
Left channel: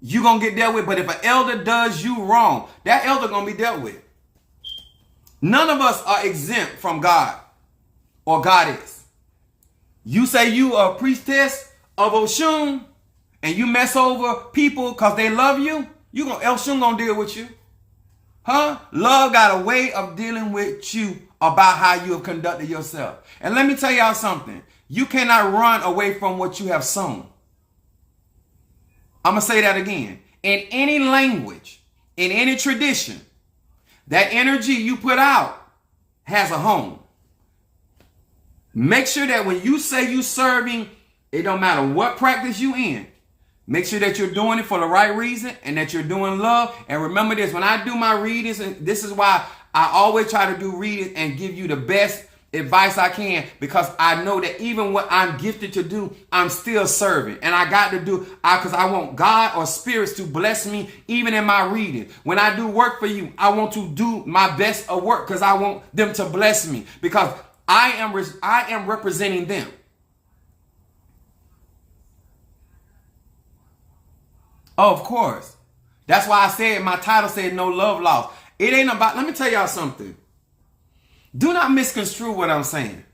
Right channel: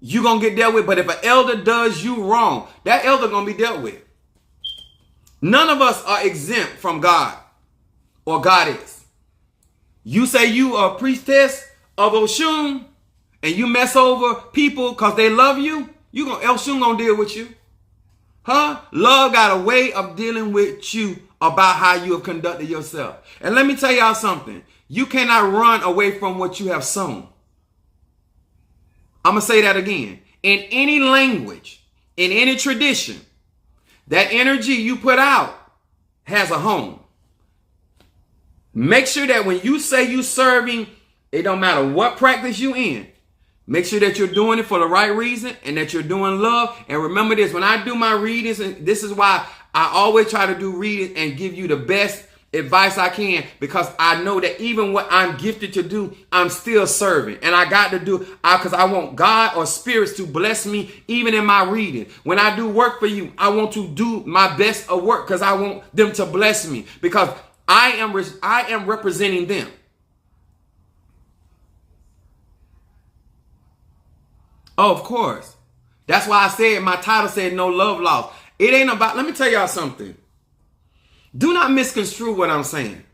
you're going to get dealt with. But if an elder does you wrong, that elder going to be dealt with. None of us are exempt from God or goddess. You say you are a priestess of Oshun and you mess over people because they love you, Oshun going to deal with you. Huh? Love got a way of dealing with you about how you have conducted yourself. And let me tell y'all something. You cannot run away from what you have sown. I'm going to say that again. In any language, in any tradition, that energy you put out has a home. Make sure that when you say you serving, it don't matter what practice you in. Make sure that you're doing it for the right reason and that you're doing love. And remember this, when I do my readings, and this is why I always try to do reading and give you the best advice I can, because I know that even what I'm gifted to do, I'm still serving. And I got to do, because I want God or spirits to bless me even in my reading. When I do work for you, I want to do my best of work because I want them to bless me, because I am representing them. Oh, of course. That's why I said my title said no love lost. It ain't about, let me tell y'all something. Do not misconstrue what I'm saying.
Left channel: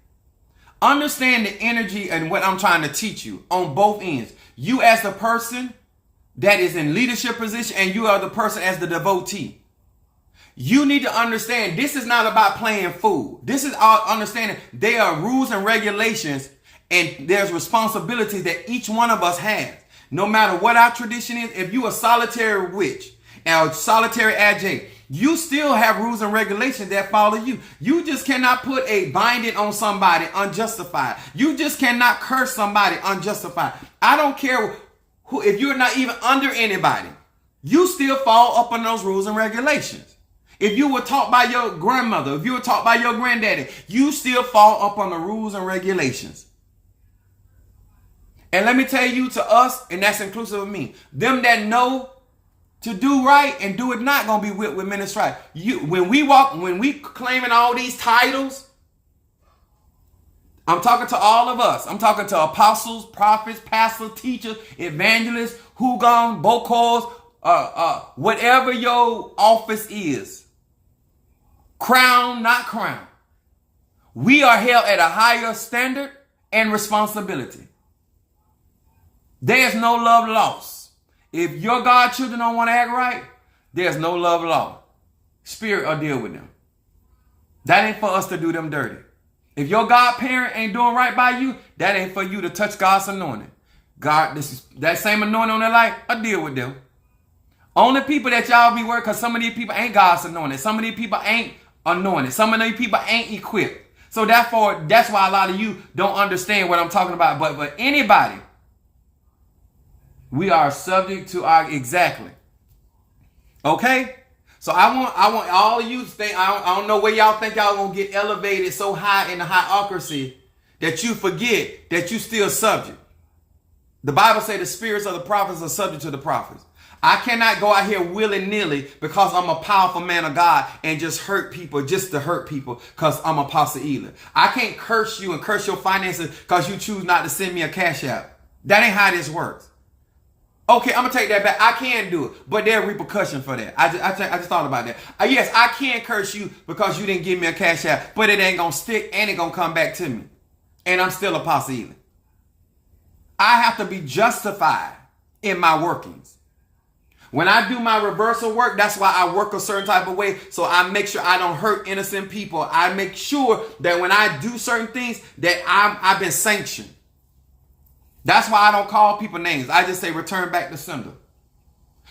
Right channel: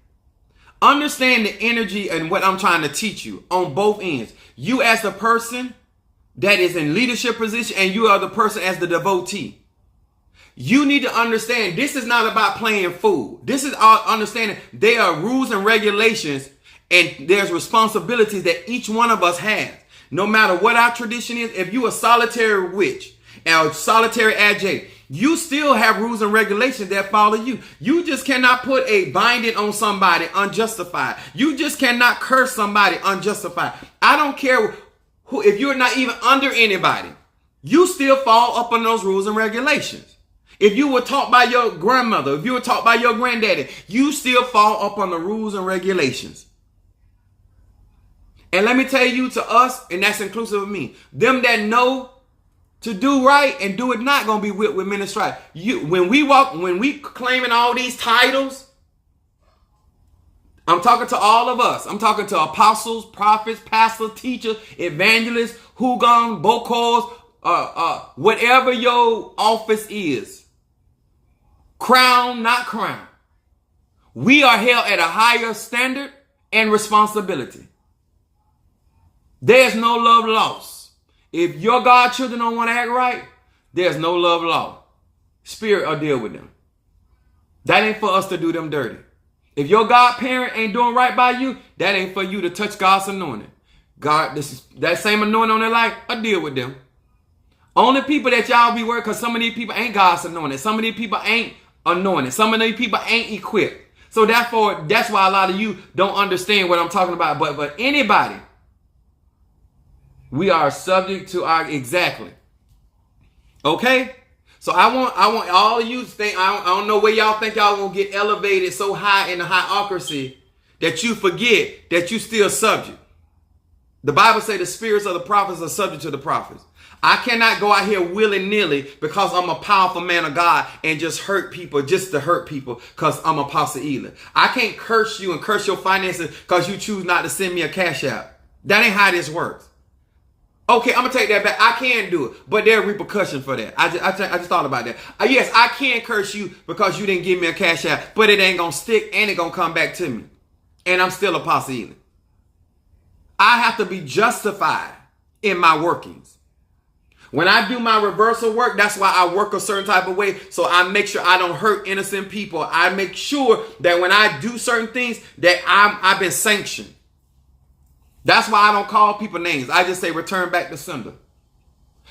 Understand the energy and what I'm trying to teach you on both ends. You as the person that is in leadership position and you are the person as the devotee. You need to understand this is not about playing fool. This is our understanding. There are rules and regulations and there's responsibilities that each one of us has. No matter what our tradition is, if you a solitary witch or a solitary adjunct, you still have rules and regulations that follow you. You just cannot put a binding on somebody unjustified. You just cannot curse somebody unjustified. I don't care who, if you're not even under anybody, you still fall up on those rules and regulations. If you were taught by your grandmother, if you were taught by your granddaddy, you still fall up on the rules and regulations. And let me tell you, to us, and that's inclusive of me, them that know to do right and do it not gonna be whipped with many stripes. When we claiming all these titles, I'm talking to all of us. I'm talking to apostles, prophets, pastors, teachers, evangelists, hugans, bokors, whatever your office is. Crown, not crown. We are held at a higher standard and responsibility. There's no love lost. If your godchildren don't want to act right, there's no love lost. Spirit will deal with them. That ain't for us to do them dirty. If your godparent ain't doing right by you, that ain't for you to touch God's anointing. God, that same anointing on their life, I'll deal with them. Only people that y'all be worried, because some of these people ain't God's anointed. Some of these people ain't anointed. Some of these people ain't equipped. So therefore, that's why a lot of you don't understand what I'm talking about. But anybody, we are subject to our exactly. Okay? So I want all of you to think, I don't know where y'all think y'all gonna get elevated so high in the hierarchy that you forget that you still subject. The Bible says the spirits of the prophets are subject to the prophets. I cannot go out here willy-nilly because I'm a powerful man of God and just hurt people just to hurt people because I'm Apostle Eli. I can't curse you and curse your finances because you choose not to send me a cash app. That ain't how this works. Okay, I'm going to take that back. I can do it, but there are repercussions for that. I just thought about that. Yes, I can curse you because you didn't give me a cash app, but it ain't going to stick and it going to come back to me. And I'm still Apostle Eli. I have to be justified in my workings. When I do my reversal work, that's why I work a certain type of way. So I make sure I don't hurt innocent people. I make sure that when I do certain things that I've been sanctioned. That's why I don't call people names. I just say return back to sender.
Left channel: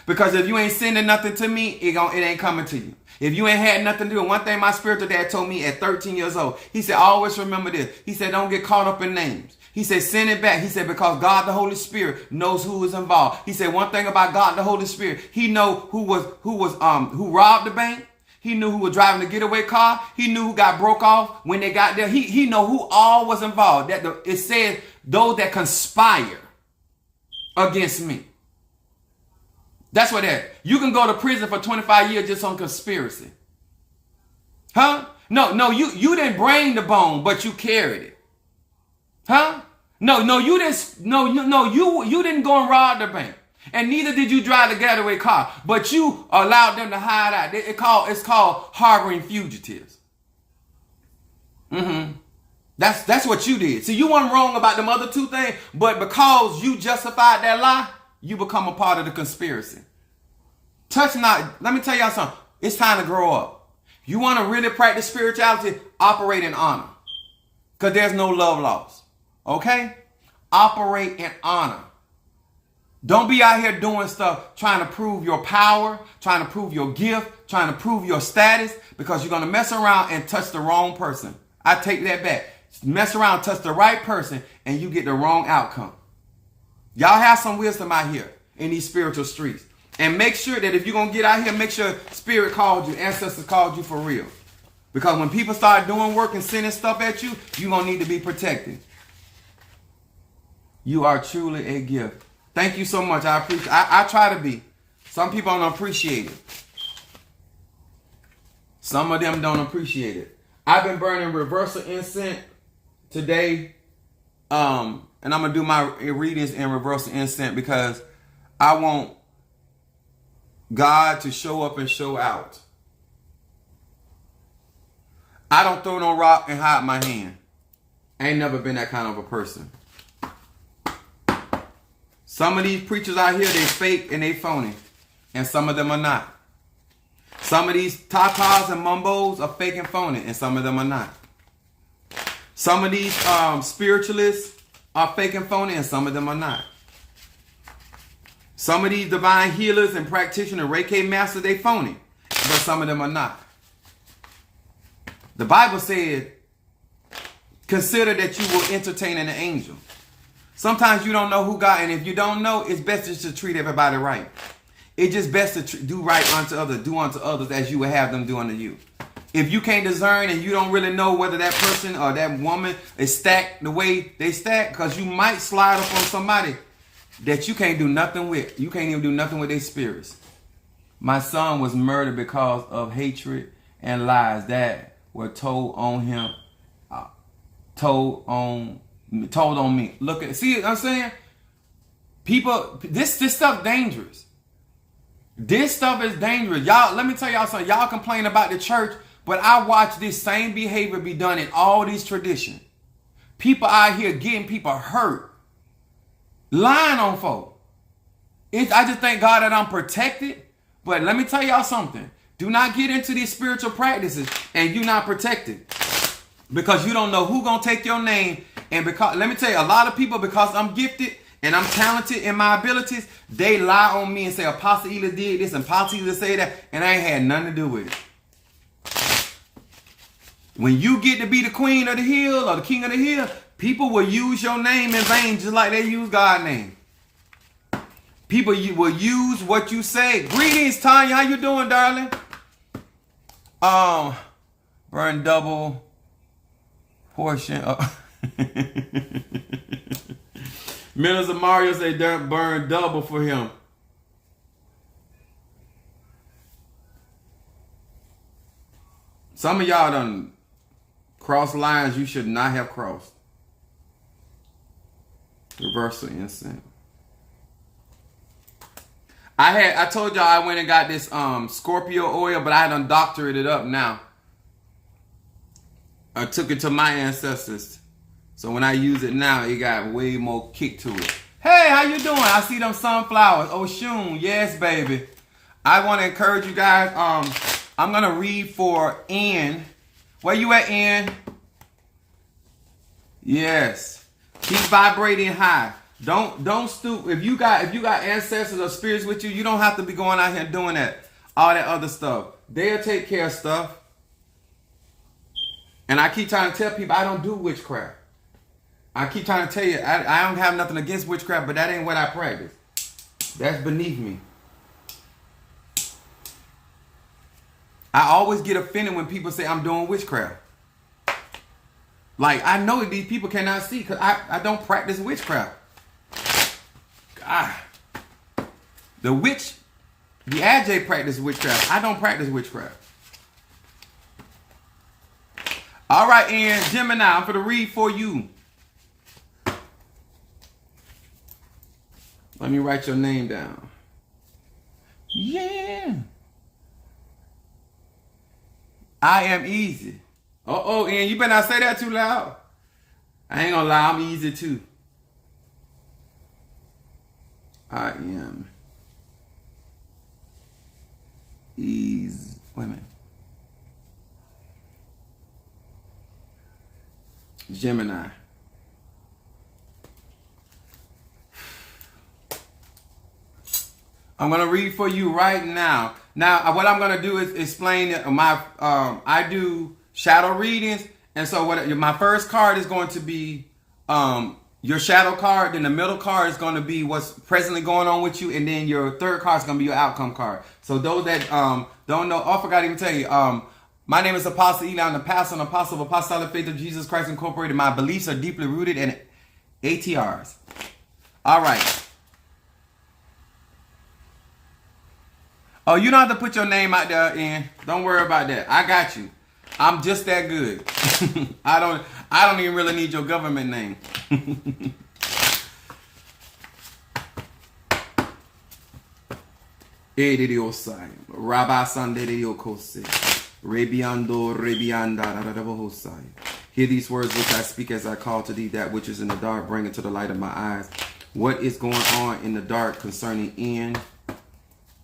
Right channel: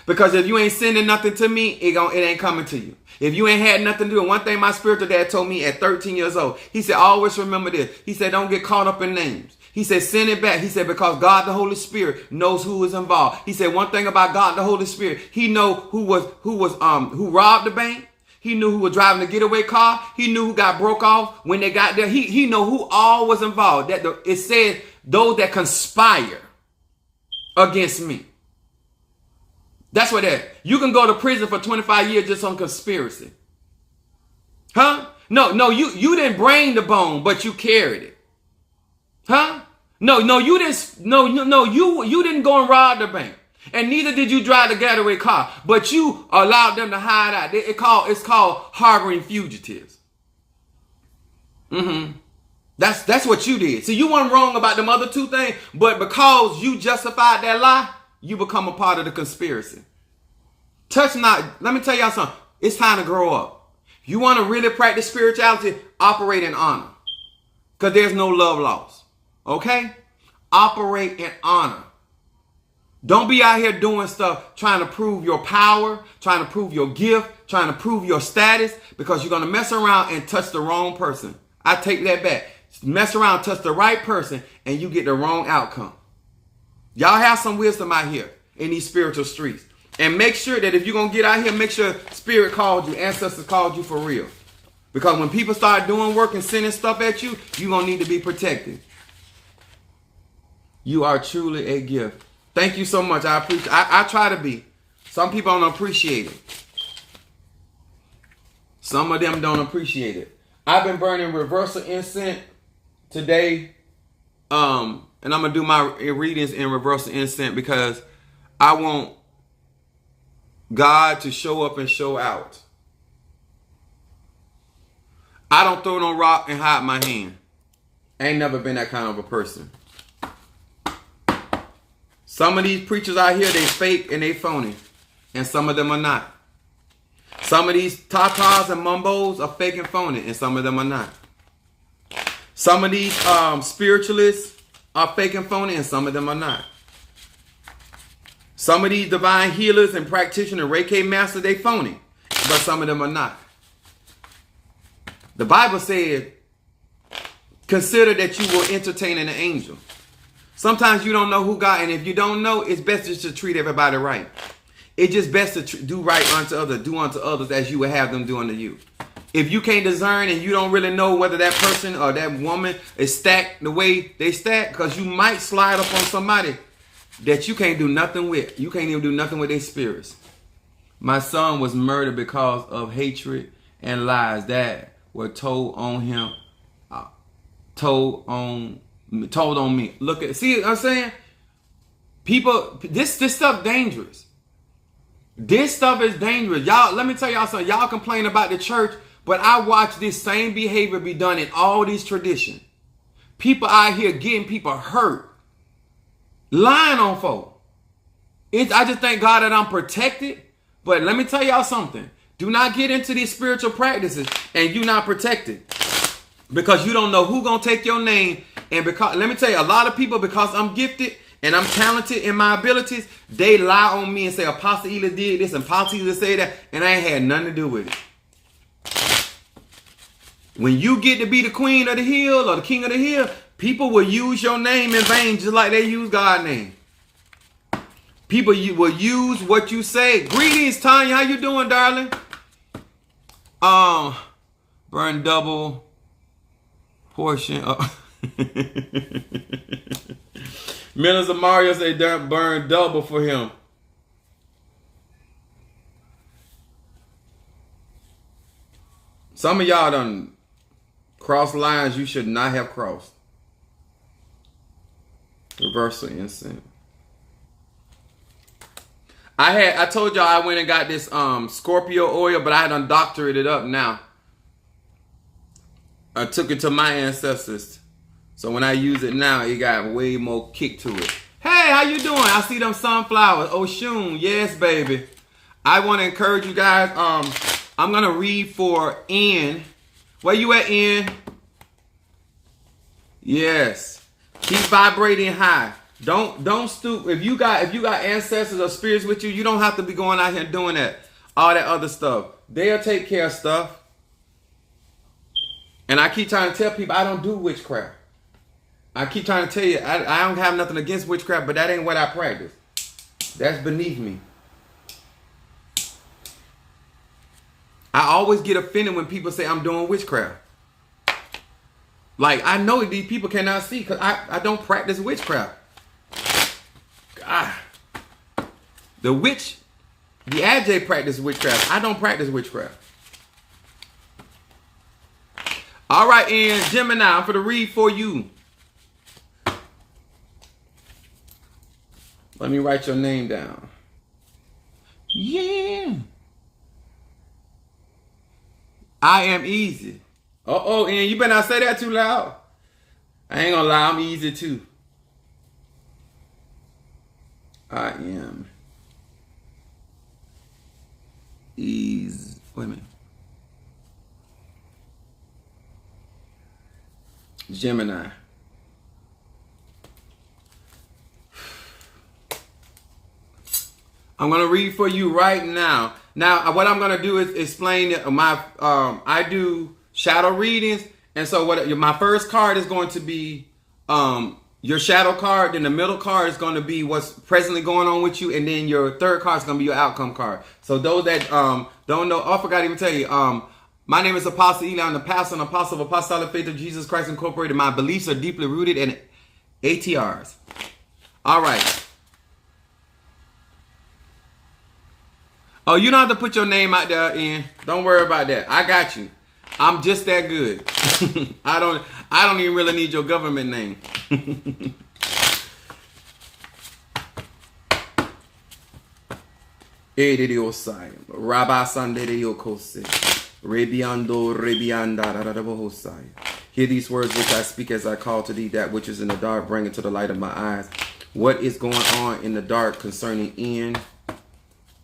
Because if you ain't sending nothing to me, it ain't coming to you. If you ain't had nothing to do, and one thing my spiritual dad told me at 13 years old, he said, always remember this. He said, don't get caught up in names. He said, send it back. He said, because God, the Holy Spirit, knows who is involved. He said, one thing about God, the Holy Spirit, he know who robbed the bank. He knew who was driving the getaway car. He knew who got broke off when they got there. He know who all was involved. It said those that conspire against me. That's what that. You can go to prison for 25 years just on conspiracy. Huh? No, you didn't bring the bone, but you carried it. Huh? No, you didn't. You didn't go and rob the bank, and neither did you drive the getaway car. But you allowed them to hide out. It's called harboring fugitives. That's what you did. See, you weren't wrong about them other two things, but because you justified that lie, you become a part of the conspiracy. Touch not. Let me tell y'all something. It's time to grow up. You want to really practice spirituality? Operate in honor, because there's no love lost. Okay? Operate in honor. Don't be out here doing stuff trying to prove your power, trying to prove your gift, trying to prove your status, because you're going to mess around and touch the wrong person. I take that back. Mess around, touch the right person, and you get the wrong outcome. Y'all have some wisdom out here in these spiritual streets. And make sure that if you're going to get out here, make sure Spirit called you, ancestors called you for real. Because when people start doing work and sending stuff at you, you're going to need to be protected. You are truly a gift. Thank you so much. I appreciate. I try to be. Some people don't appreciate it. Some of them don't appreciate it. I've been burning reversal incense today. And I'm going to do my readings in reversal incense because I want God to show up and show out. I don't throw no rock and hide my hand. I ain't never been that kind of a person. Some of these preachers out here, they fake and they phony. And some of them are not. Some of these tatas and mumbos are fake and phony. And some of them are not. Some of these spiritualists are fake and phony. And some of them are not. Some of these divine healers and practitioners, Reiki masters, they phony. But some of them are not. The Bible said, consider that you will entertain an angel. Sometimes you don't know who God, and if you don't know, it's best just to treat everybody right. It's just best to do right unto others, do unto others as you would have them do unto you. If you can't discern and you don't really know whether that person or that woman is stacked the way they stack, because you might slide up on somebody that you can't do nothing with. You can't even do nothing with their spirits. My son was murdered because of hatred and lies that were told on him, told on me. Look at, see what I'm saying? People, this stuff dangerous. This stuff is dangerous. Y'all, let me tell y'all something. Y'all complain about the church, but I watch this same behavior be done in all these traditions. People out here getting people hurt. Lying on folk. I just thank God that I'm protected. But let me tell y'all something. Do not get into these spiritual practices and you're not protected. Because you don't know who's going to take your name. And because, let me tell you, a lot of people, because I'm gifted and I'm talented in my abilities, they lie on me and say, Apostle Ela did this and Apostle Ela said that, and I ain't had nothing to do with it. When you get to be the queen of the hill or the king of the hill, people will use your name in vain just like they use God's name. People will use what you say. Greetings, Tanya. How you doing, darling? Burn double portion. Minister Mario say burn double for him. Some of y'all done crossed lines you should not have crossed. Reversal incense. I told y'all I went and got this Scorpio oil, but I had undoctored it up now. I took it to my ancestors. So when I use it now, it got way more kick to it. Hey, how you doing? I see them sunflowers. Oh, Shun. Yes, baby. I want to encourage you guys. I'm going to read for N. Where you at, N? Yes. Keep vibrating high. Don't stoop. If you got ancestors or spirits with you, you don't have to be going out here doing that. All that other stuff. They'll take care of stuff. And I keep trying to tell people I don't do witchcraft. I keep trying to tell you I don't have nothing against witchcraft, but that ain't what I practice. That's beneath me. I always get offended when people say I'm doing witchcraft. Like, I know these people cannot see because I don't practice witchcraft. God. The AJ practice witchcraft. I don't practice witchcraft. All right, and Gemini, I'm going to read for you. Let me write your name down. Yeah. I am easy. Uh-oh, and you better not say that too loud. I ain't gonna lie, I'm easy too. I am easy. Wait a minute. Gemini. I'm going to read for you right now. Now, what I'm going to do is explain my, I do shadow readings. And so my first card is going to be your shadow card. Then the middle card is going to be what's presently going on with you. And then your third card is going to be your outcome card. So those that don't know, I forgot to even tell you, my name is Apostle Eli. I'm the pastor and apostle of Apostolic Faith of Jesus Christ Incorporated. My beliefs are deeply rooted in ATRs. All right. Oh, you don't have to put your name out there, Ian. Don't worry about that. I got you. I'm just that good. I don't even really need your government name. Rabbi Sunday Rebiando Rebianda. Hear these words which I speak as I call to thee that which is in the dark, bring it to the light of my eyes. What is going on in the dark concerning Ian?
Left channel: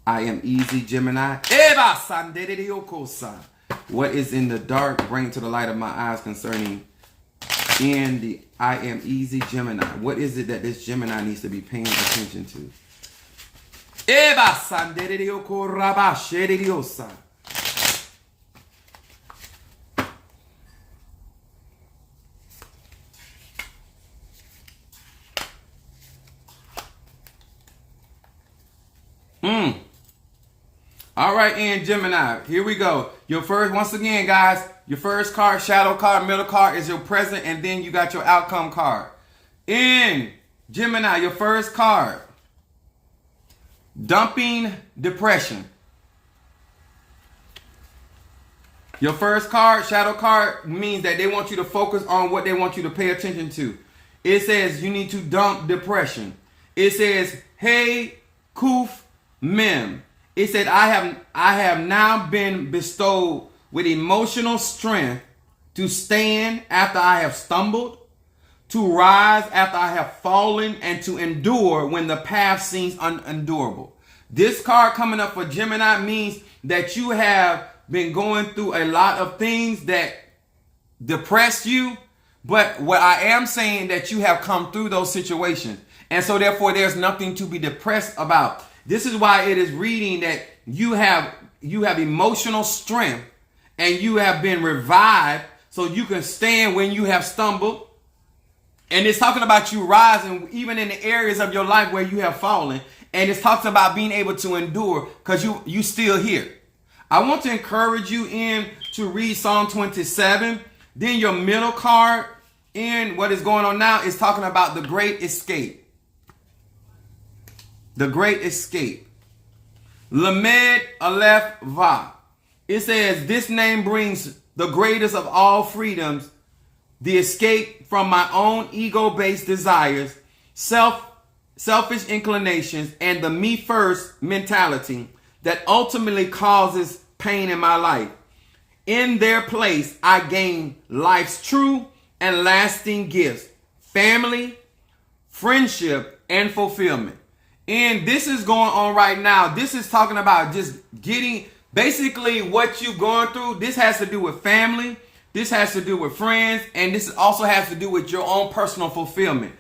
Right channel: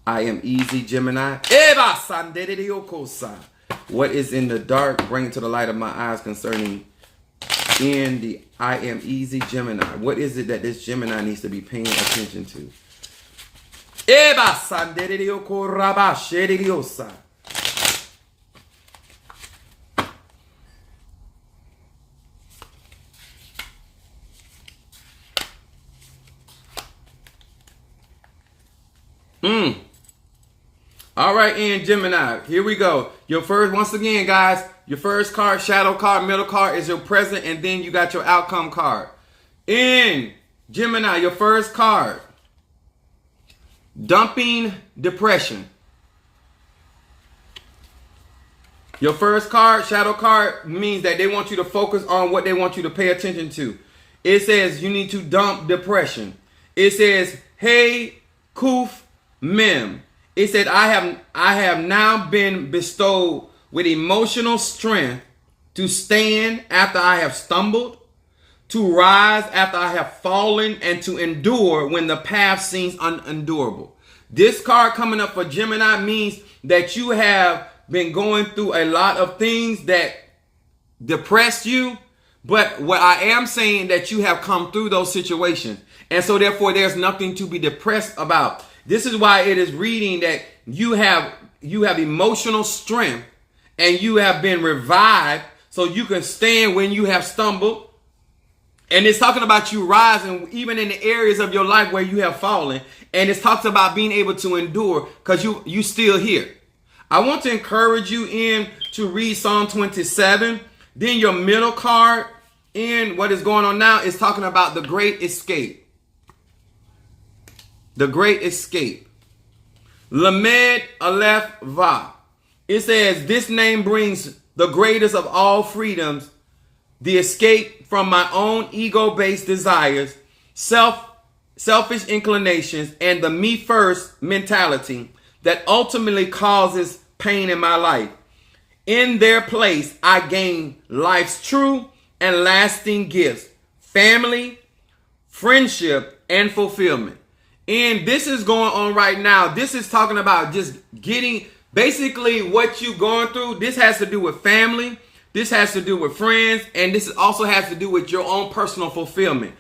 I am easy, Gemini. What is in the dark, bring it to the light of my eyes concerning Ian, the I am easy, Gemini. What is it that this Gemini needs to be paying attention to? All right, and Gemini, here we go. Your first, once again, guys, your first card, shadow card, middle card is your present, and then you got your outcome card. In Gemini, your first card, dumping depression. Your first card, shadow card, means that they want you to focus on what they want you to pay attention to. It says you need to dump depression. It says, hey, kuf, mem. It said, I have now been bestowed with emotional strength to stand after I have stumbled, to rise after I have fallen, and to endure when the path seems unendurable. This card coming up for Gemini means that you have been going through a lot of things that depress you. But what I am saying that you have come through those situations. And so therefore there's nothing to be depressed about. This is why it is reading that you have emotional strength and you have been revived so you can stand when you have stumbled. And it's talking about you rising even in the areas of your life where you have fallen. And it talks about being able to endure because you still here. I want to encourage you in to read Psalm 27. Then your middle card in what is going on now is talking about the great escape. The great escape. Lamed Aleph Va. It says, this name brings the greatest of all freedoms, the escape from my own ego-based desires, selfish inclinations, and the me first mentality that ultimately causes pain in my life. In their place, I gain life's true and lasting gifts, family, friendship, and fulfillment. And this is going on right now. This is talking about just getting basically what you're going through. This has to do with family. This has to do with friends. And this also has to do with your own personal fulfillment.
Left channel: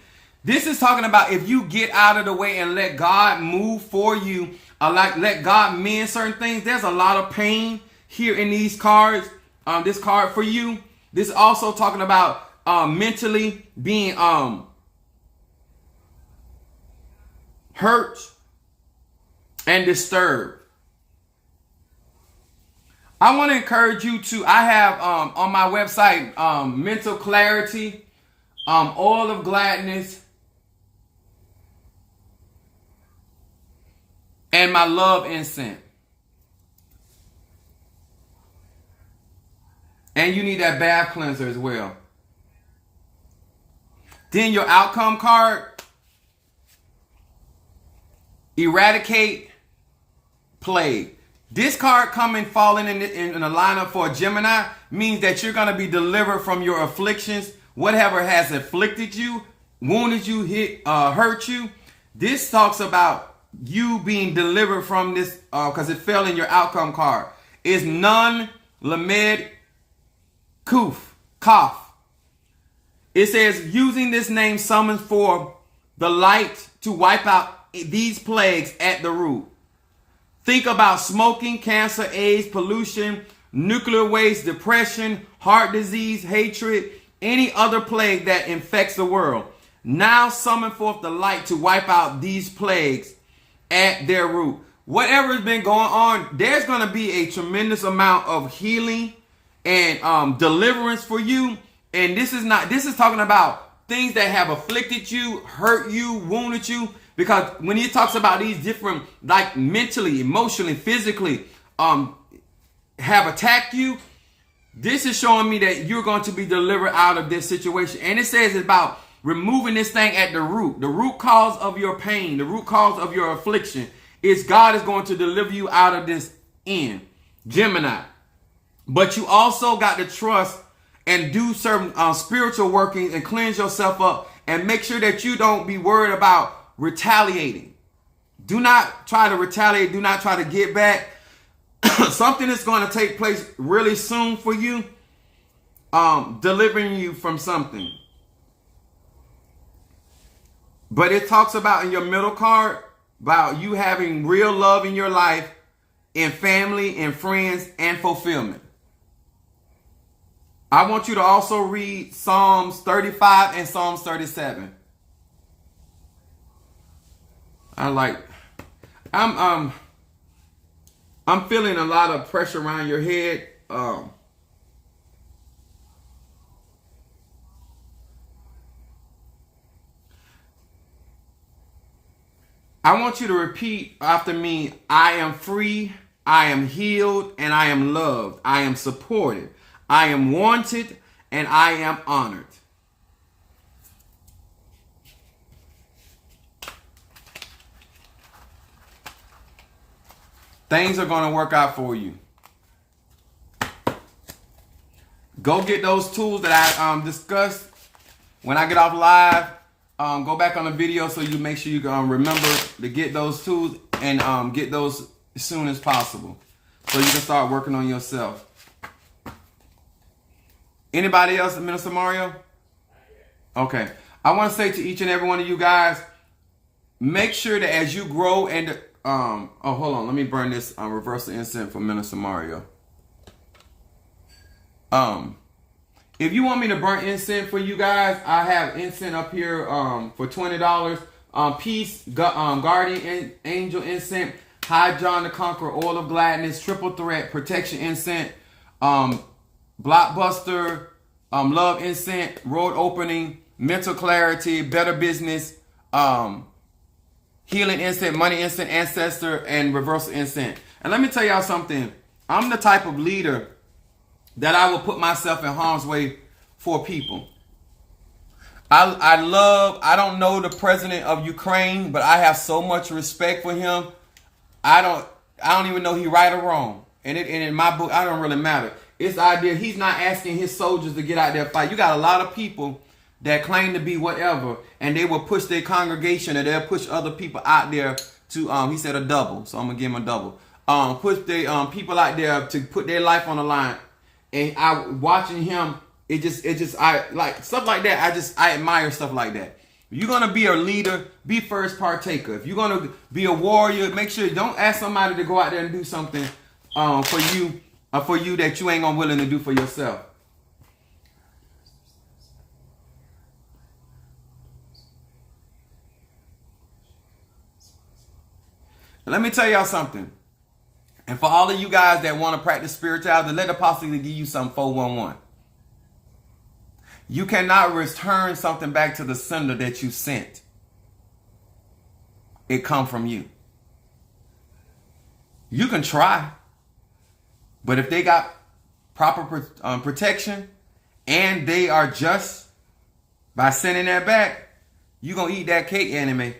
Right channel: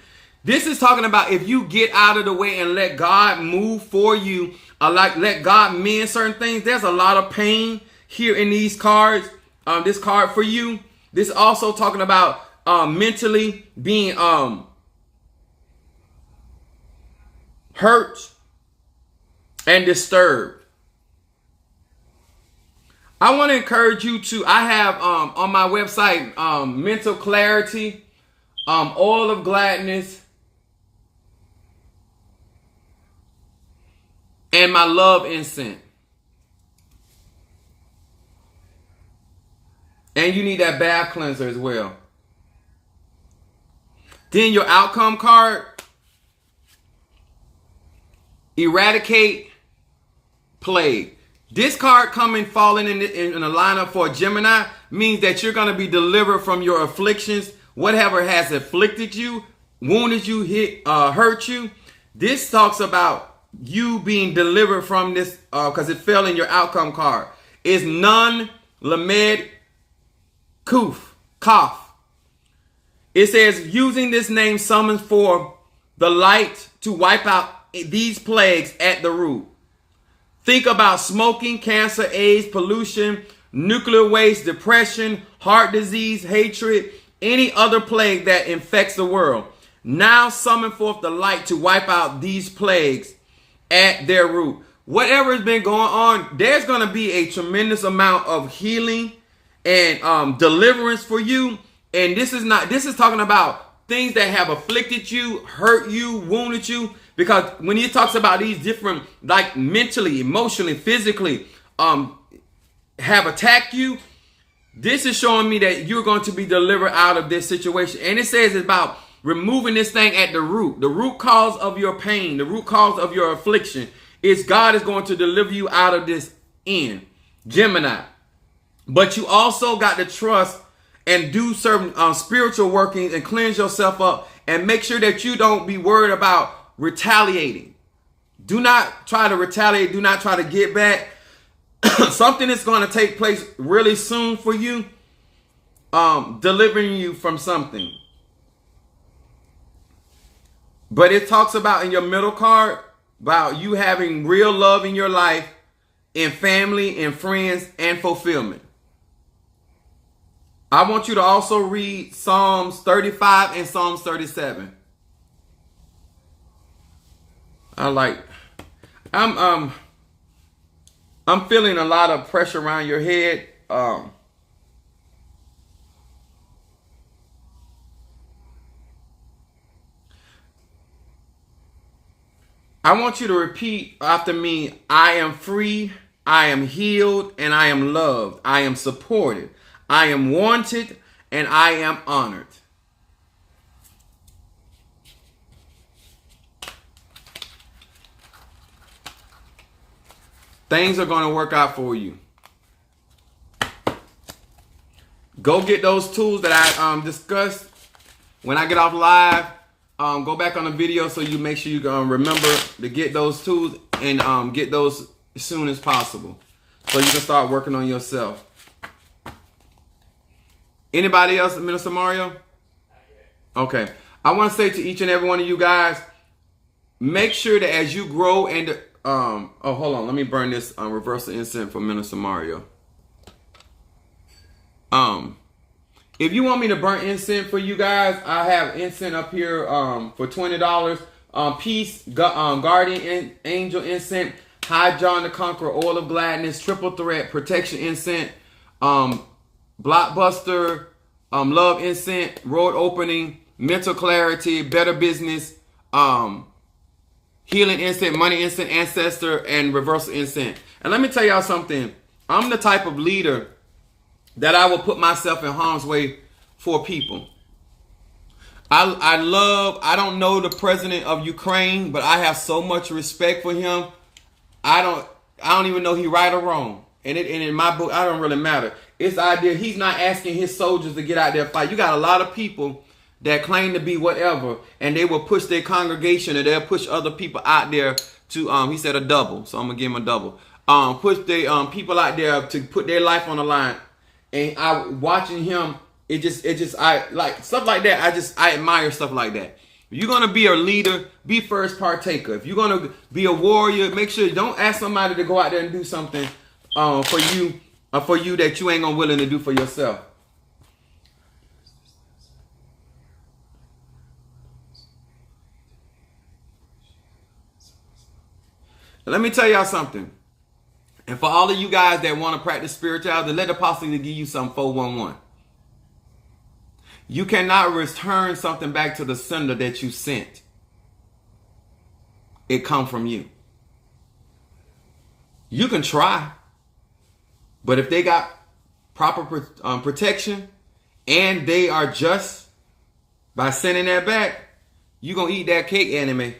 This is talking about if you get out of the way and let God move for you, or like let God mend certain things. There's a lot of pain here in these cards. This card for you. This is also talking about mentally being hurt and disturbed. I want to encourage you to, I have on my website, mental clarity, oil of gladness, and my love incense. And you need that bath cleanser as well. Then your outcome card. eradicate plague. This card coming, falling in a lineup for a Gemini means that you're going to be delivered from your afflictions, whatever has afflicted you, wounded you, hurt you. This talks about you being delivered from this, because it fell in your outcome card. Is Nun Lamed Kuf. It says, using this name summons for the light to wipe out these plagues at the root. Think about smoking, cancer, AIDS, pollution, nuclear waste, depression, heart disease, hatred, any other plague that infects the world. Now summon forth the light to wipe out these plagues at their root. Whatever has been going on, there's going to be a tremendous amount of healing and deliverance for you. And this is talking about things that have afflicted you, hurt you, wounded you. Because when he talks about these different, like mentally, emotionally, physically, have attacked you, this is showing me that you're going to be delivered out of this situation. And it says it's about removing this thing at the root cause of your pain, the root cause of your affliction. Is God is going to deliver you out of this end, Gemini. But you also got to trust and do certain spiritual workings and cleanse yourself up and make sure that you don't be worried about retaliating. Do not try to retaliate. Do not try to get back. Something is going to take place really soon for you, delivering you from something. But it talks about in your middle card about you having real love in your life, in family, in friends, and fulfillment. I want you to also read Psalms 35 and Psalms 37. I'm feeling a lot of pressure around your head. I want you to repeat after me. I am free, I am healed, and I am loved. I am supported. I am wanted, and I am honored. Things are going to work out for you. Go get those tools that I discussed. When I get off live, go back on the video so you make sure you remember to get those tools and get those as soon as possible so you can start working on yourself. Anybody else, Minister Mario? Okay. I want to say to each and every one of you guys, make sure that as you grow and oh, hold on. Let me burn this reversal incense for Minister Mario. If you want me to burn incense for you guys, I have incense up here for $20. Peace, Guardian Angel incense, High John the Conqueror, Oil of Gladness, Triple Threat, Protection incense, Blockbuster, Love incense, Road Opening, Mental Clarity, Better Business, Healing incense, Money incense, Ancestor, and Reversal incense. And let me tell y'all something. I'm the type of leader that I will put myself in harm's way for people. I don't know the president of Ukraine, but I have so much respect for him. I don't even know he right or wrong. And in my book, I don't really matter. It's the idea he's not asking his soldiers to get out there and fight. You got a lot of people that claim to be whatever, and they will push their congregation, or they'll push other people out there to, he said a double, so I'm going to give him a double. Push their people out there to put their life on the line. And watching him, I like stuff like that. I admire stuff like that. If you're going to be a leader, be first partaker. If you're going to be a warrior, make sure don't ask somebody to go out there and do something for you that you ain't gonna willing to do for yourself. Let me tell y'all something. And for all of you guys that want to practice spirituality, let the apostle give you some 411. You cannot return something back to the sender that you sent. It come from you. You can try. But if they got proper protection and they are just by sending that back, you're going to eat that cake, enemy.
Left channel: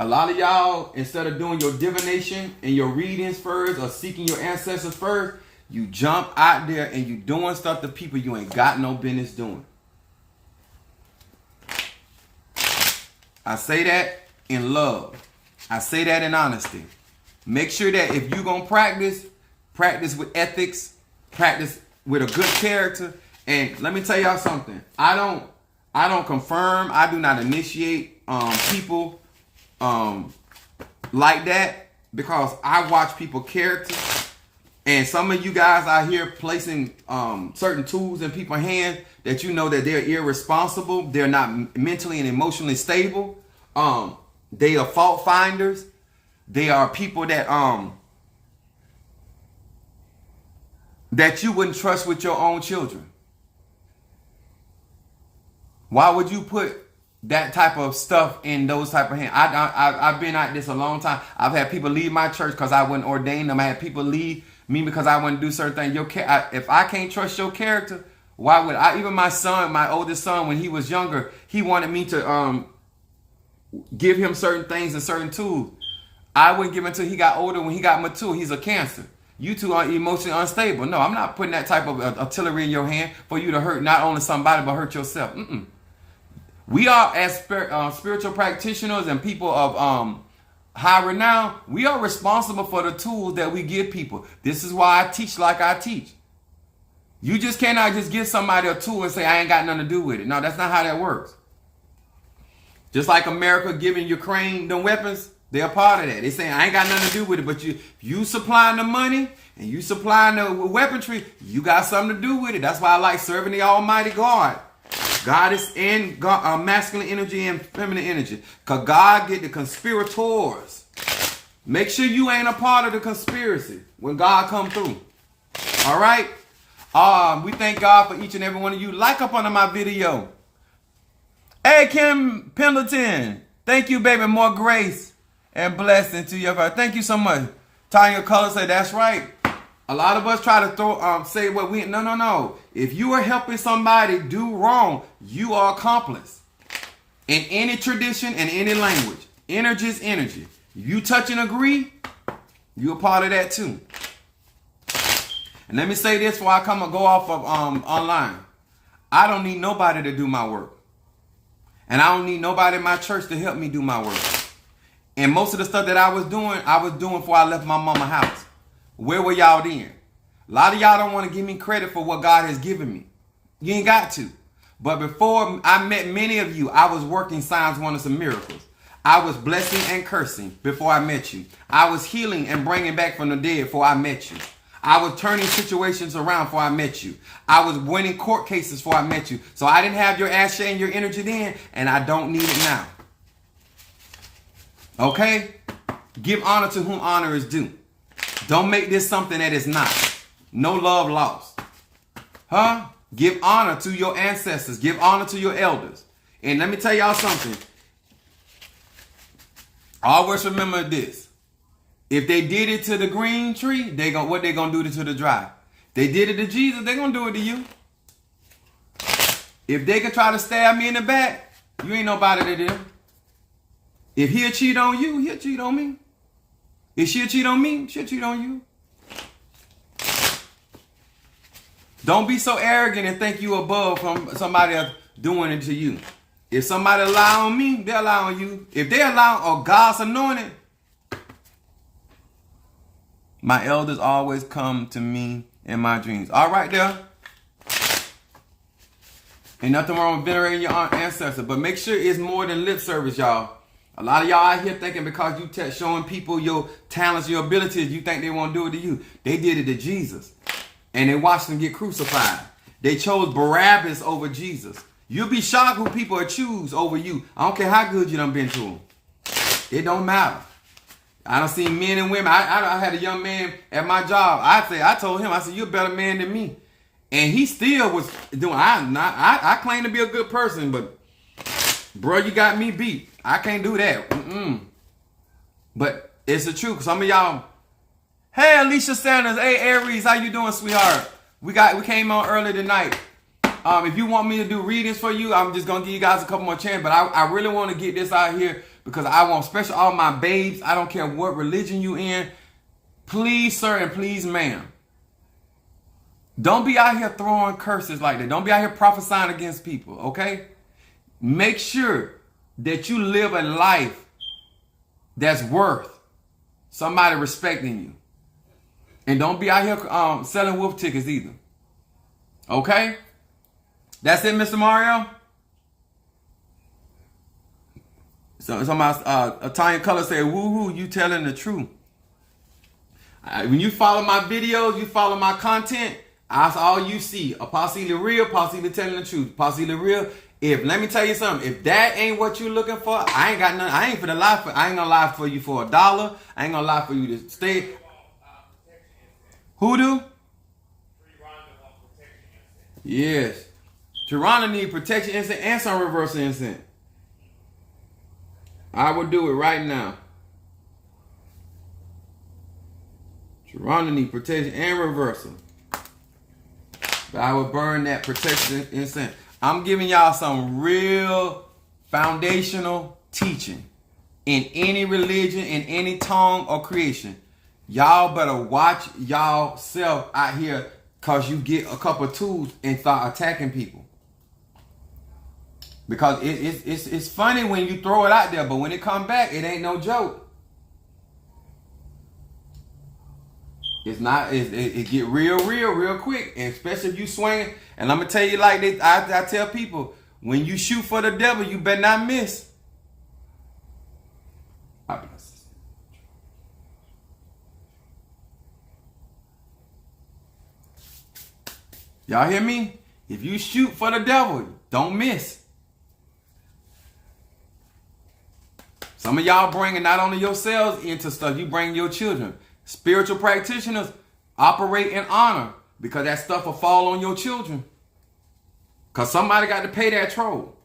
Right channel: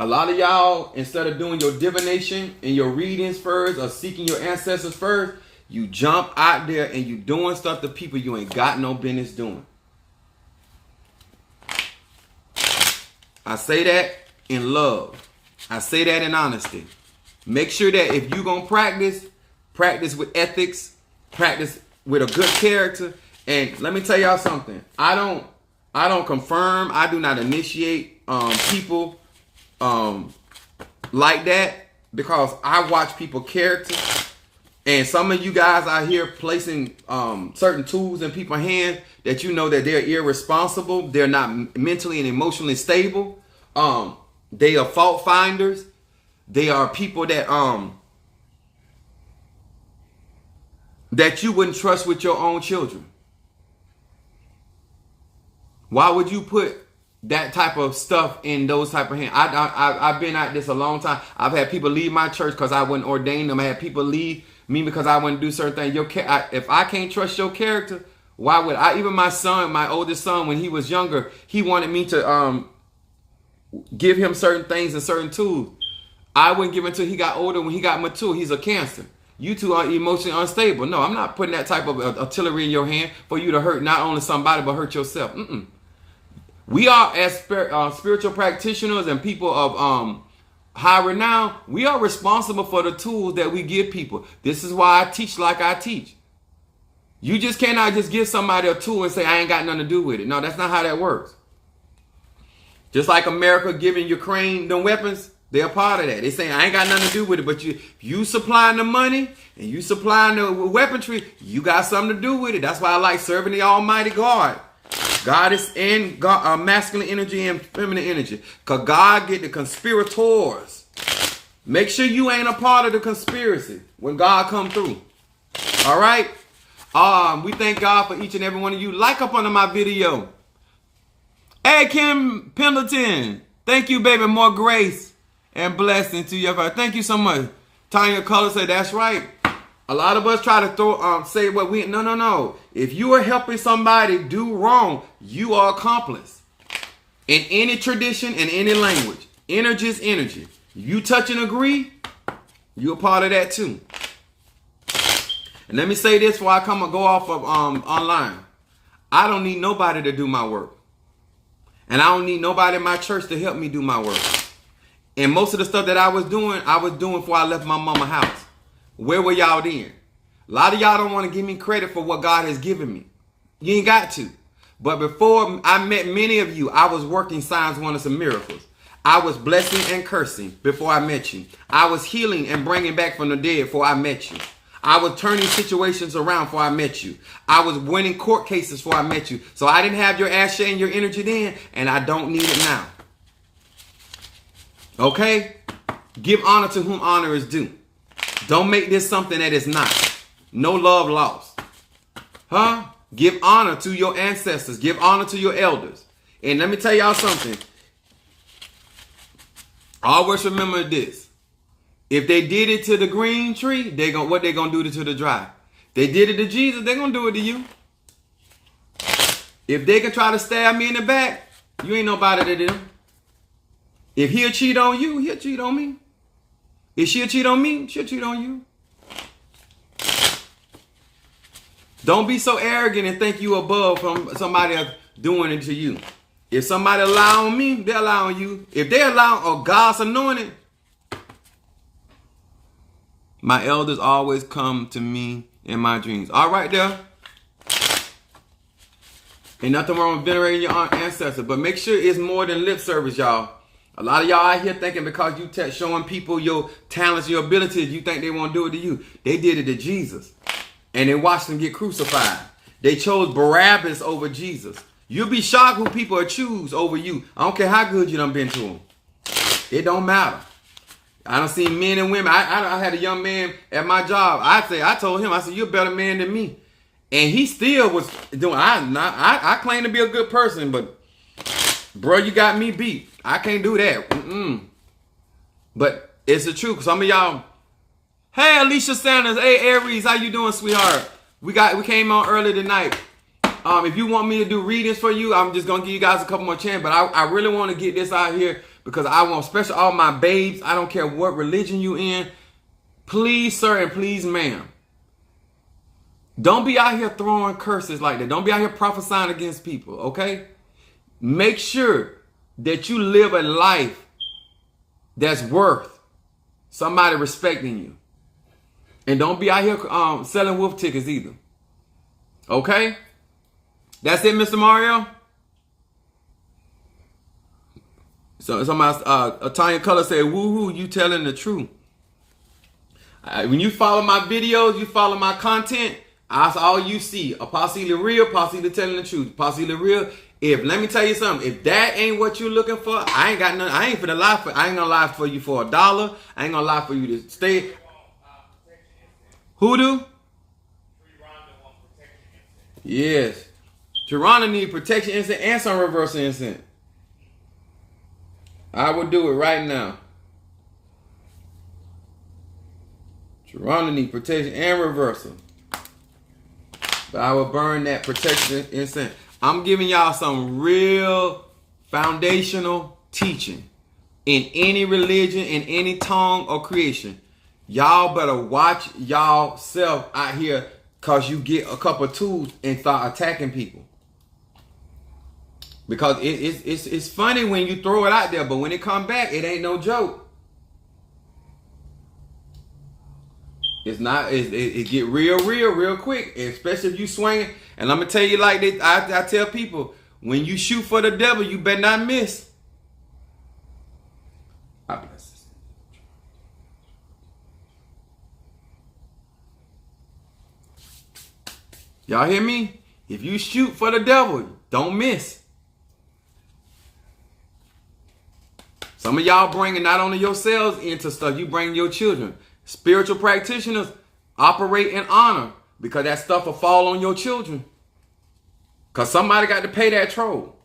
A lot of y'all, instead of doing your divination and your readings first or seeking your ancestors first, you jump out there and you doing stuff to people you ain't got no business doing. I say that in love. I say that in honesty. Make sure that if you're going to practice with ethics, practice with a good character. And let me tell y'all something. I don't confirm. I do not initiate people like that, because I watch people character. And some of you guys out here placing certain tools in people's hands that you know that they're irresponsible. They're not mentally and emotionally stable. They are fault finders. They are people that that you wouldn't trust with your own children. Why would you put that type of stuff in those type of hands? I've been at this a long time. I've had people leave my church because I wouldn't ordain them. I had people leave me because I wouldn't do certain things. If I can't trust your character, why would I? Even my son, my oldest son, when he was younger, he wanted me to give him certain things and certain tools. I wouldn't give him until he got older. When he got mature, he's a Cancer. You two are emotionally unstable. No, I'm not putting that type of artillery in your hand for you to hurt not only somebody but hurt yourself. We are, as spiritual practitioners and people of high renown, we are responsible for the tools that we give people. This is why I teach like I teach. You just cannot just give somebody a tool and say, I ain't got nothing to do with it. No, that's not how that works. Just like America giving Ukraine the weapons, they're a part of that. They saying, I ain't got nothing to do with it. But you supplying the money and you supplying the weaponry, you got something to do with it. That's why I like serving the Almighty God. God is in masculine energy and feminine energy. Because God get the conspirators. Make sure you ain't a part of the conspiracy when God come through. All right? We thank God for each and every one of you. Like up under my video. Hey, Kim Pendleton. Thank you, baby. More grace and blessing to you. Thank you so much. Tanya Color said, that's right. A lot of us try to say what we... No. If you are helping somebody do wrong, you are accomplice. In any tradition, in any language. Energy is energy. You touch and agree, you're a part of that too. And let me say this before I come and go off of online. I don't need nobody to do my work. And I don't need nobody in my church to help me do my work. And most of the stuff that I was doing before I left my mama's house. Where were y'all then? A lot of y'all don't want to give me credit for what God has given me. You ain't got to. But before I met many of you, I was working signs, wonders, and miracles. I was blessing and cursing before I met you. I was healing and bringing back from the dead before I met you. I was turning situations around before I met you. I was winning court cases before I met you. So I didn't have your ashes and your energy then, and I don't need it now. Okay? Give honor to whom honor is due. Don't make this something that is not. No love lost. Huh? Give honor to your ancestors. Give honor to your elders. And let me tell y'all something. Always remember this. If they did it to the green tree, what they gonna do to the dry? They did it to Jesus, they gonna do it to you. If they can try to stab me in the back, you ain't nobody to them. If he'll cheat on you, he'll cheat on me. If she'll cheat on me, she'll cheat on you. Don't be so arrogant and think you above from somebody else doing it to you. If somebody lie on me, they'll lie on you. If they allow God's anointed, my elders always come to me in my dreams. All right there. Ain't nothing wrong with venerating your ancestors, but make sure it's more than lip service, y'all. A lot of y'all out here thinking because you showing people your talents, your abilities, you think they won't do it to you. They did it to Jesus. And they watched him get crucified. They chose Barabbas over Jesus. You'll be shocked who people choose over you. I don't care how good you done been to them. It don't matter. I done seen men and women. I had a young man at my job. I told him, you're a better man than me. And he still was doing, I claim to be a good person, but bro, you got me beat. I can't do that. But it's the truth. Some of y'all, hey, Alicia Sanders. Hey, Aries, how you doing, sweetheart? We came on early tonight. If you want me to do readings for you, I'm just going to give you guys a couple more chances. But I really want to get this out here because I want, especially all my babes, I don't care what religion you in, please, sir, and please, ma'am, don't be out here throwing curses like that. Don't be out here prophesying against people, okay? Make sure that you live a life that's worth somebody respecting you. And don't be out here selling wolf tickets either. Okay? That's it, Mr. Mario? So somebody, Tanya Color said, woohoo, you telling the truth. When you follow my videos, you follow my content, that's all you see. Apostle real, Apostle telling the truth. Apostle real. Let me tell you something, if that ain't what you looking for, I ain't got nothing. I ain't gonna lie for you for $1. I ain't gonna lie for you to stay. Who do? Yes. Geronda need protection incense and some reversal incense. I will do it right now. Geronda need protection and reversal. But I will burn that protection incense. I'm giving y'all some real foundational teaching in any religion, in any tongue or creation. Y'all better watch y'all self out here, because you get a couple of tools and start attacking people. Because it's funny when you throw it out there, but when it come back, it ain't no joke. It's not. It get real quick, especially if you swing. And I'm gonna tell you like this. I tell people, when you shoot for the devil, you better not miss. I bless. Y'all hear me? If you shoot for the devil, don't miss. Some of y'all bringing not only yourselves into stuff, you bring your children. Spiritual practitioners operate in honor, because that stuff will fall on your children. Because somebody got to pay that toll.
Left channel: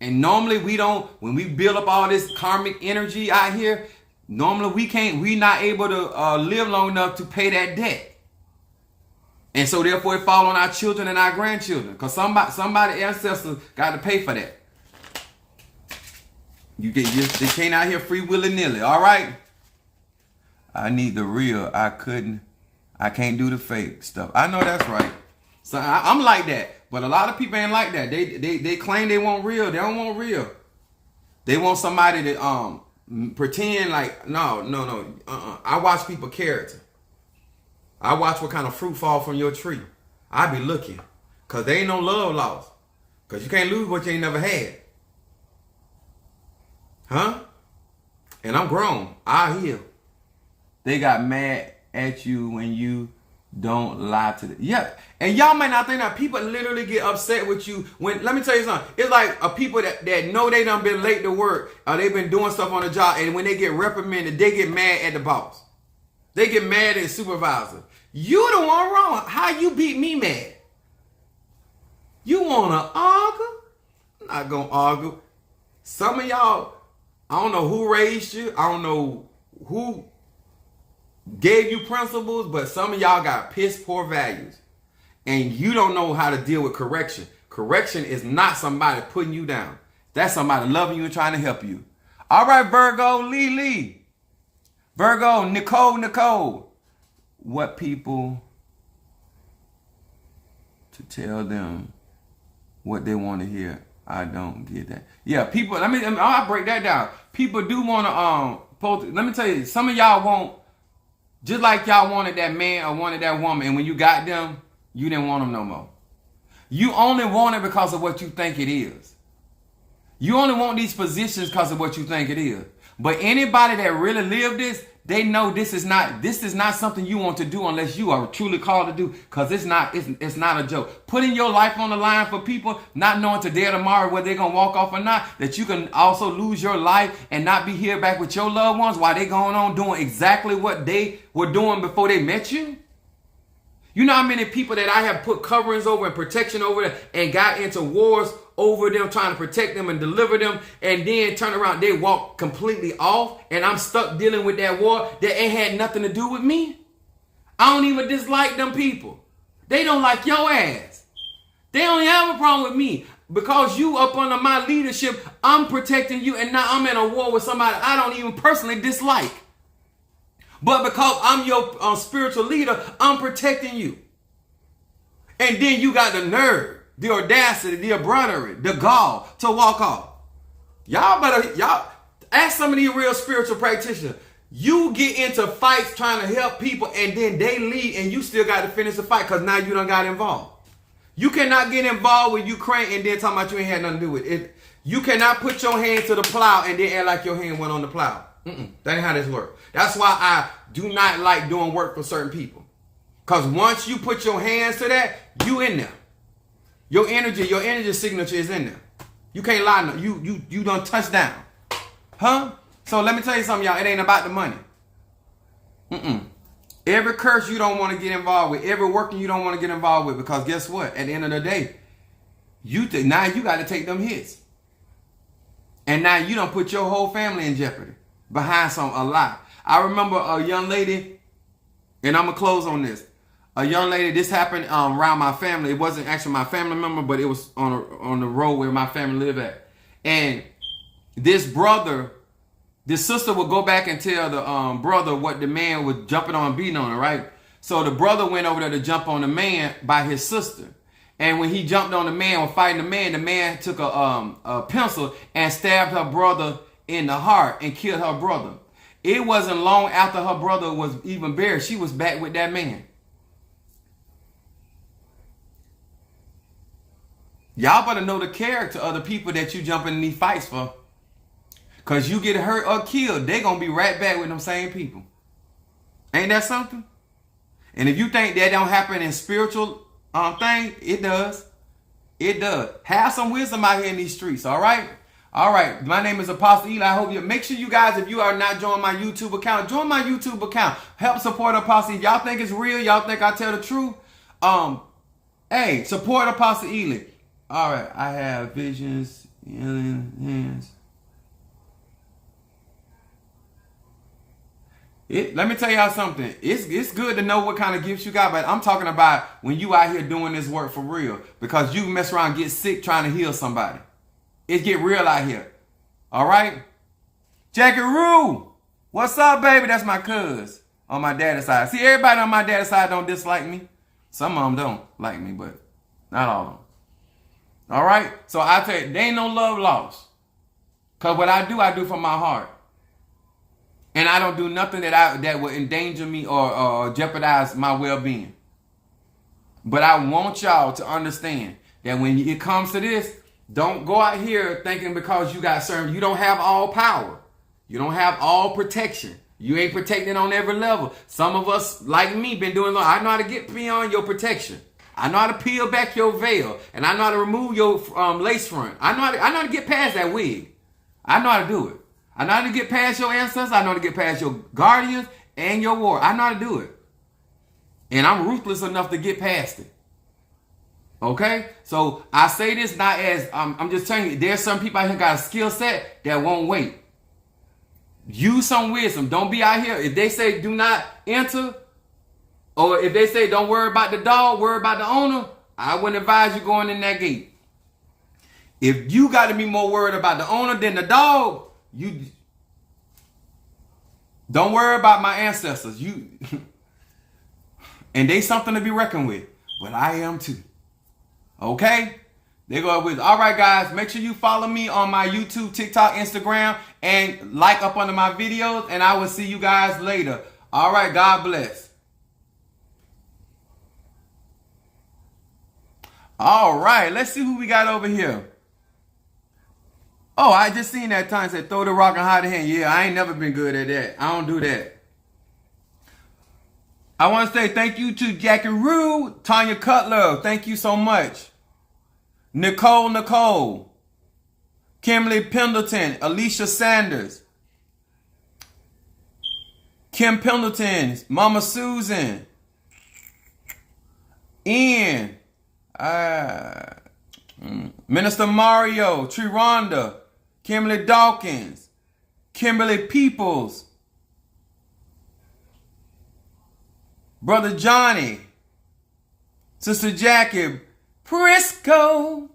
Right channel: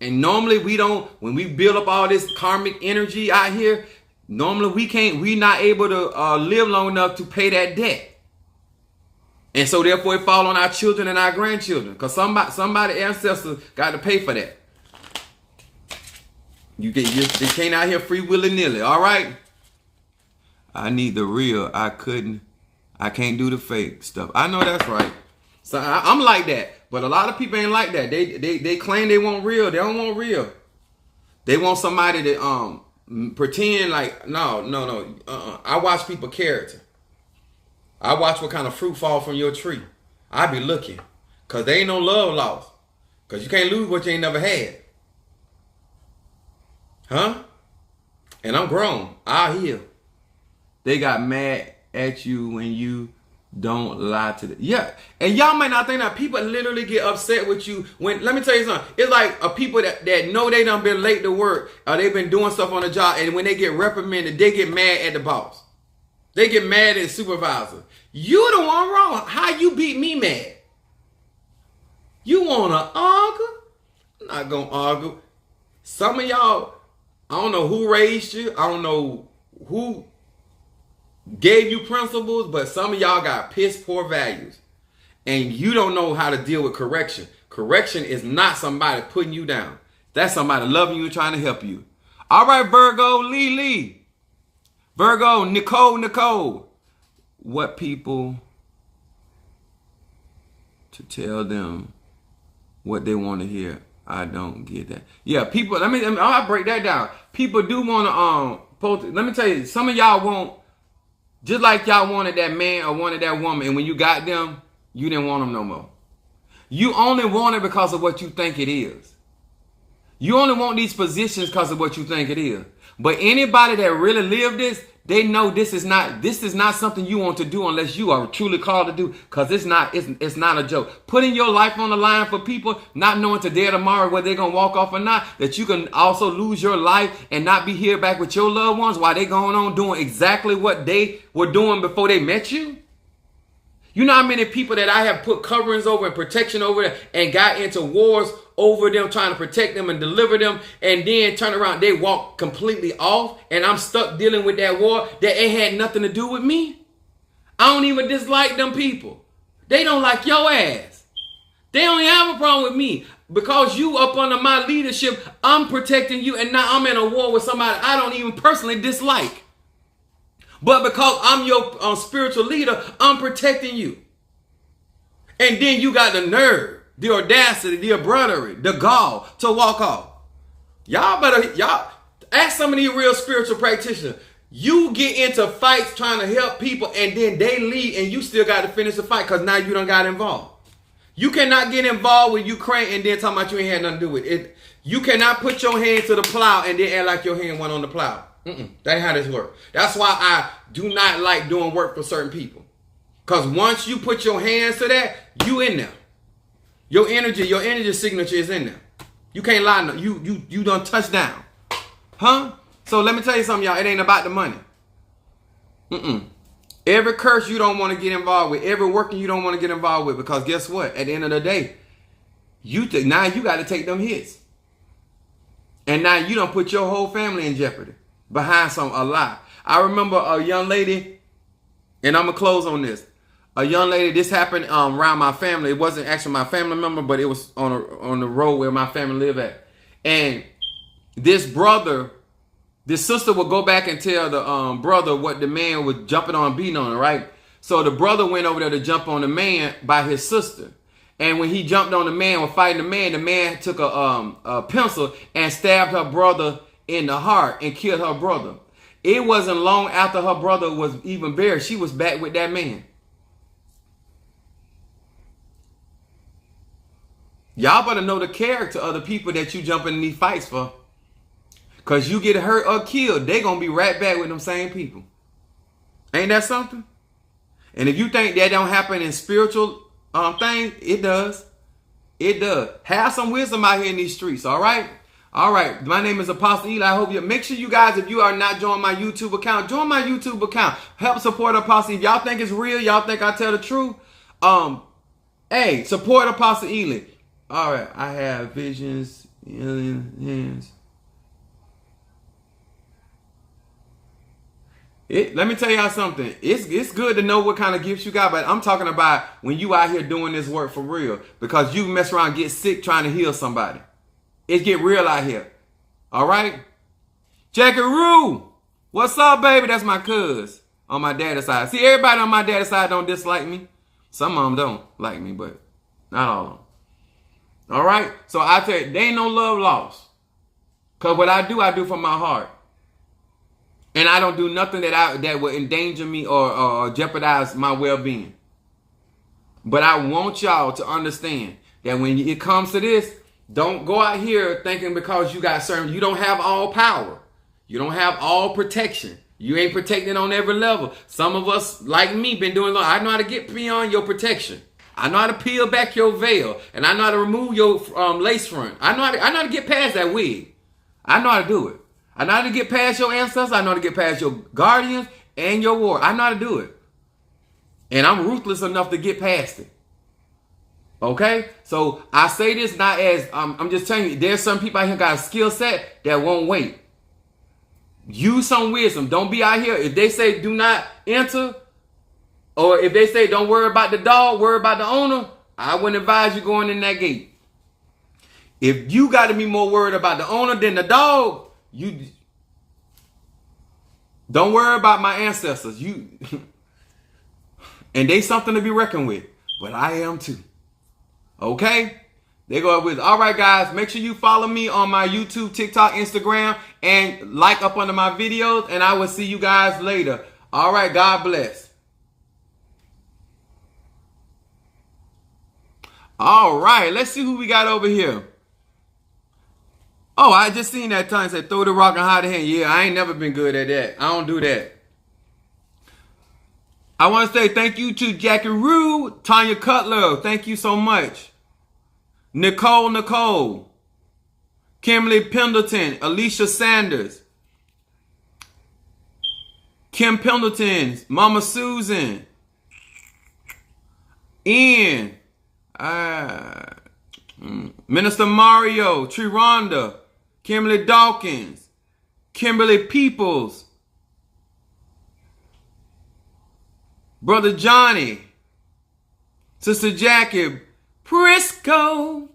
And normally we don't, when we build up all this karmic energy out here, normally we're not able to live long enough to pay that debt. And so therefore it fall on our children and our grandchildren. Because somebody ancestors got to pay for that. They can't out here free willy-nilly, all right? I need the real. I can't do the fake stuff. I know that's right. So I'm like that. But a lot of people ain't like that. They claim they want real. They don't want real. They want somebody to pretend like, no. I watch people character. I watch what kind of fruit fall from your tree. I be looking. Because there ain't no love lost. Because you can't lose what you ain't never had. Huh? And I'm grown. I'll heal. They got mad at you when you don't lie to them. Yeah. And y'all might not think that people literally get upset with you when, let me tell you something. It's like people that know they done been late to work, or they've been doing stuff on the job, and when they get reprimanded, they get mad at the boss. They get mad at the supervisor. You the one wrong. How you beat me mad? You want to argue? I'm not going to argue. Some of y'all, I don't know who raised you. I don't know who gave you principles, but some of y'all got piss poor values. And you don't know how to deal with correction. Correction is not somebody putting you down. That's somebody loving you and trying to help you. All right, Virgo, Lee. Virgo, Nicole. What people to tell them what they want to hear. I don't get that. Yeah, people, I'll break that down. People do want to, let me tell you, some of y'all want, just like y'all wanted that man or wanted that woman, and when you got them, you didn't want them no more. You only want it because of what you think it is. You only want these positions because of what you think it is. But anybody that really lived this, they know this is not something you want to do unless you are truly called to do, because it's not a joke. Putting your life on the line for people, not knowing today or tomorrow whether they're going to walk off or not, that you can also lose your life and not be here back with your loved ones while they going on doing exactly what they were doing before they met you. You know how many people that I have put coverings over and protection over and got into wars over them, trying to protect them and deliver them, and then turn around, they walk completely off, and I'm stuck dealing with that war that it had nothing to do with me? I don't even dislike them people. They don't like your ass. They only have a problem with me. because you up under my leadership, I'm protecting you, and now I'm in a war with somebody I don't even personally dislike. But because I'm your spiritual leader, I'm protecting you. And then you got the nerve, the audacity, the brotherhood, the gall to walk off. Y'all ask some of these real spiritual practitioners. You get into fights trying to help people, and then they leave, and you still got to finish the fight because now you done got involved. You cannot get involved with Ukraine and then talking about you ain't had nothing to do with it. You cannot put your hand to the plow and then act like your hand went on the plow. That ain't how this works. That's why I do not like doing work for certain people. Because once you put your hands to that, you in there. Your energy signature is in there. You can't lie. No. You done touch down. Huh? So let me tell you something, y'all. It ain't about the money. Every curse you don't want to get involved with. Every working you don't want to get involved with. Because guess what? At the end of the day, now you got to take them hits. And now you done put your whole family in jeopardy. Behind a lie. I remember a young lady, and I'm going to close on this. A young lady, this happened around my family. It wasn't actually my family member, but it was on the road where my family lived at. And this sister would go back and tell the brother what the man was jumping on, beating on her, right? So the brother went over there to jump on the man by his sister. And when he jumped on the man, was fighting the man took a pencil and stabbed her brother in the heart and killed her brother. It wasn't long after her brother was even buried. She was back with that man. Y'all better know the character of the people that you jump in these fights for. Because you get hurt or killed, they going to be right back with them same people. Ain't that something? And if you think that don't happen in spiritual things, it does. It does. Have some wisdom out here in these streets, all right? All right, my name is Apostle Eli. I hope you make sure you guys, if you are not joining my YouTube account, join my YouTube account. Help support Apostle. If y'all think it's real, y'all think I tell the truth, hey, support Apostle Eli. All right, I have visions in hands. Let me tell y'all something. It's good to know what kind of gifts you got, but I'm talking about when you out here doing this work for real, because you mess around and get sick trying to heal somebody. It get real out here. All right? Jackie Roo. What's up, baby? That's my cuz on my daddy's side. See, everybody on my daddy's side don't dislike me. Some of them don't like me, but not all of them. All right? So I tell you, there ain't no love lost. Because what I do from my heart. And I don't do nothing that would endanger me or jeopardize my well-being. But I want y'all to understand that when it comes to this, don't go out here thinking because you got certain, you don't have all power. You don't have all protection. You ain't protected on every level. Some of us, like me, been doing, I know how to get beyond your protection. I know how to peel back your veil. And I know how to remove your lace front. I know how to get past that wig. I know how to do it. I know how to get past your ancestors. I know how to get past your guardians and your war. I know how to do it. And I'm ruthless enough to get past it. Okay? So I say this not as, I'm just telling you, there's some people out here got a skill set that won't wait. Use some wisdom. Don't be out here. If they say do not enter, or if they say don't worry about the dog, worry about the owner, I wouldn't advise you going in that gate. If you got to be more worried about the owner than the dog, you don't worry about my ancestors. And they something to be reckoned with. But I am too. Okay? They go with, all right, guys, make sure you follow me on my YouTube, TikTok, Instagram, and like up under my videos, and I will see you guys later. All right, God bless. All right, let's see who we got over here. Oh, I just seen that time say throw the rock and hide the hand. Yeah, I ain't never been good at that. I don't do that. I want to say thank you to Jackie Rue, Tanya Cutler. Thank you so much. Nicole, Kimberly Pendleton, Alicia Sanders, Kim Pendleton, Mama Susan, Ian, Minister Mario, Triranda, Kimberly Dawkins, Kimberly Peoples, Brother Johnny, Sister Jackie, Prisco,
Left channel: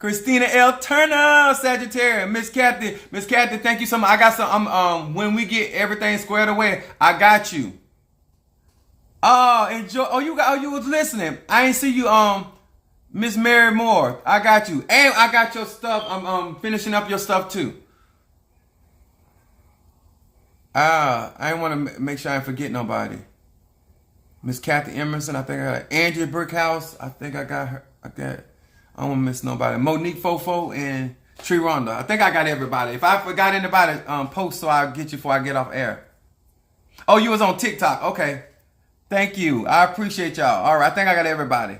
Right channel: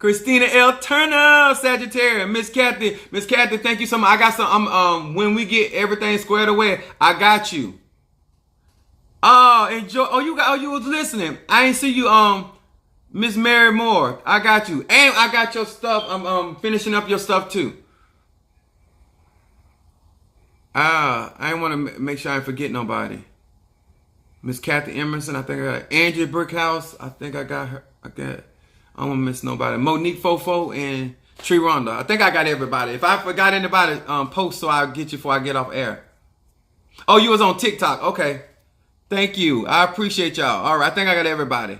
Christina L. Turner, Sagittarius. Miss Kathy, thank you so much. I got some. When we get everything squared away, I got you. Oh, enjoy. Oh, you was listening. I ain't see you. Miss Mary Moore, I got you, and I got your stuff. I'm finishing up your stuff too. I want to make sure I forget nobody. Miss Kathy Emerson, I think I got Andrea Brickhouse. I think I got her. I don't want to miss nobody. Monique Fofo and Tree Rhonda. I think I got everybody. If I forgot anybody, post so I'll get you before I get off air. Oh, you was on TikTok. Okay. Thank you. I appreciate y'all. All right. I think I got everybody.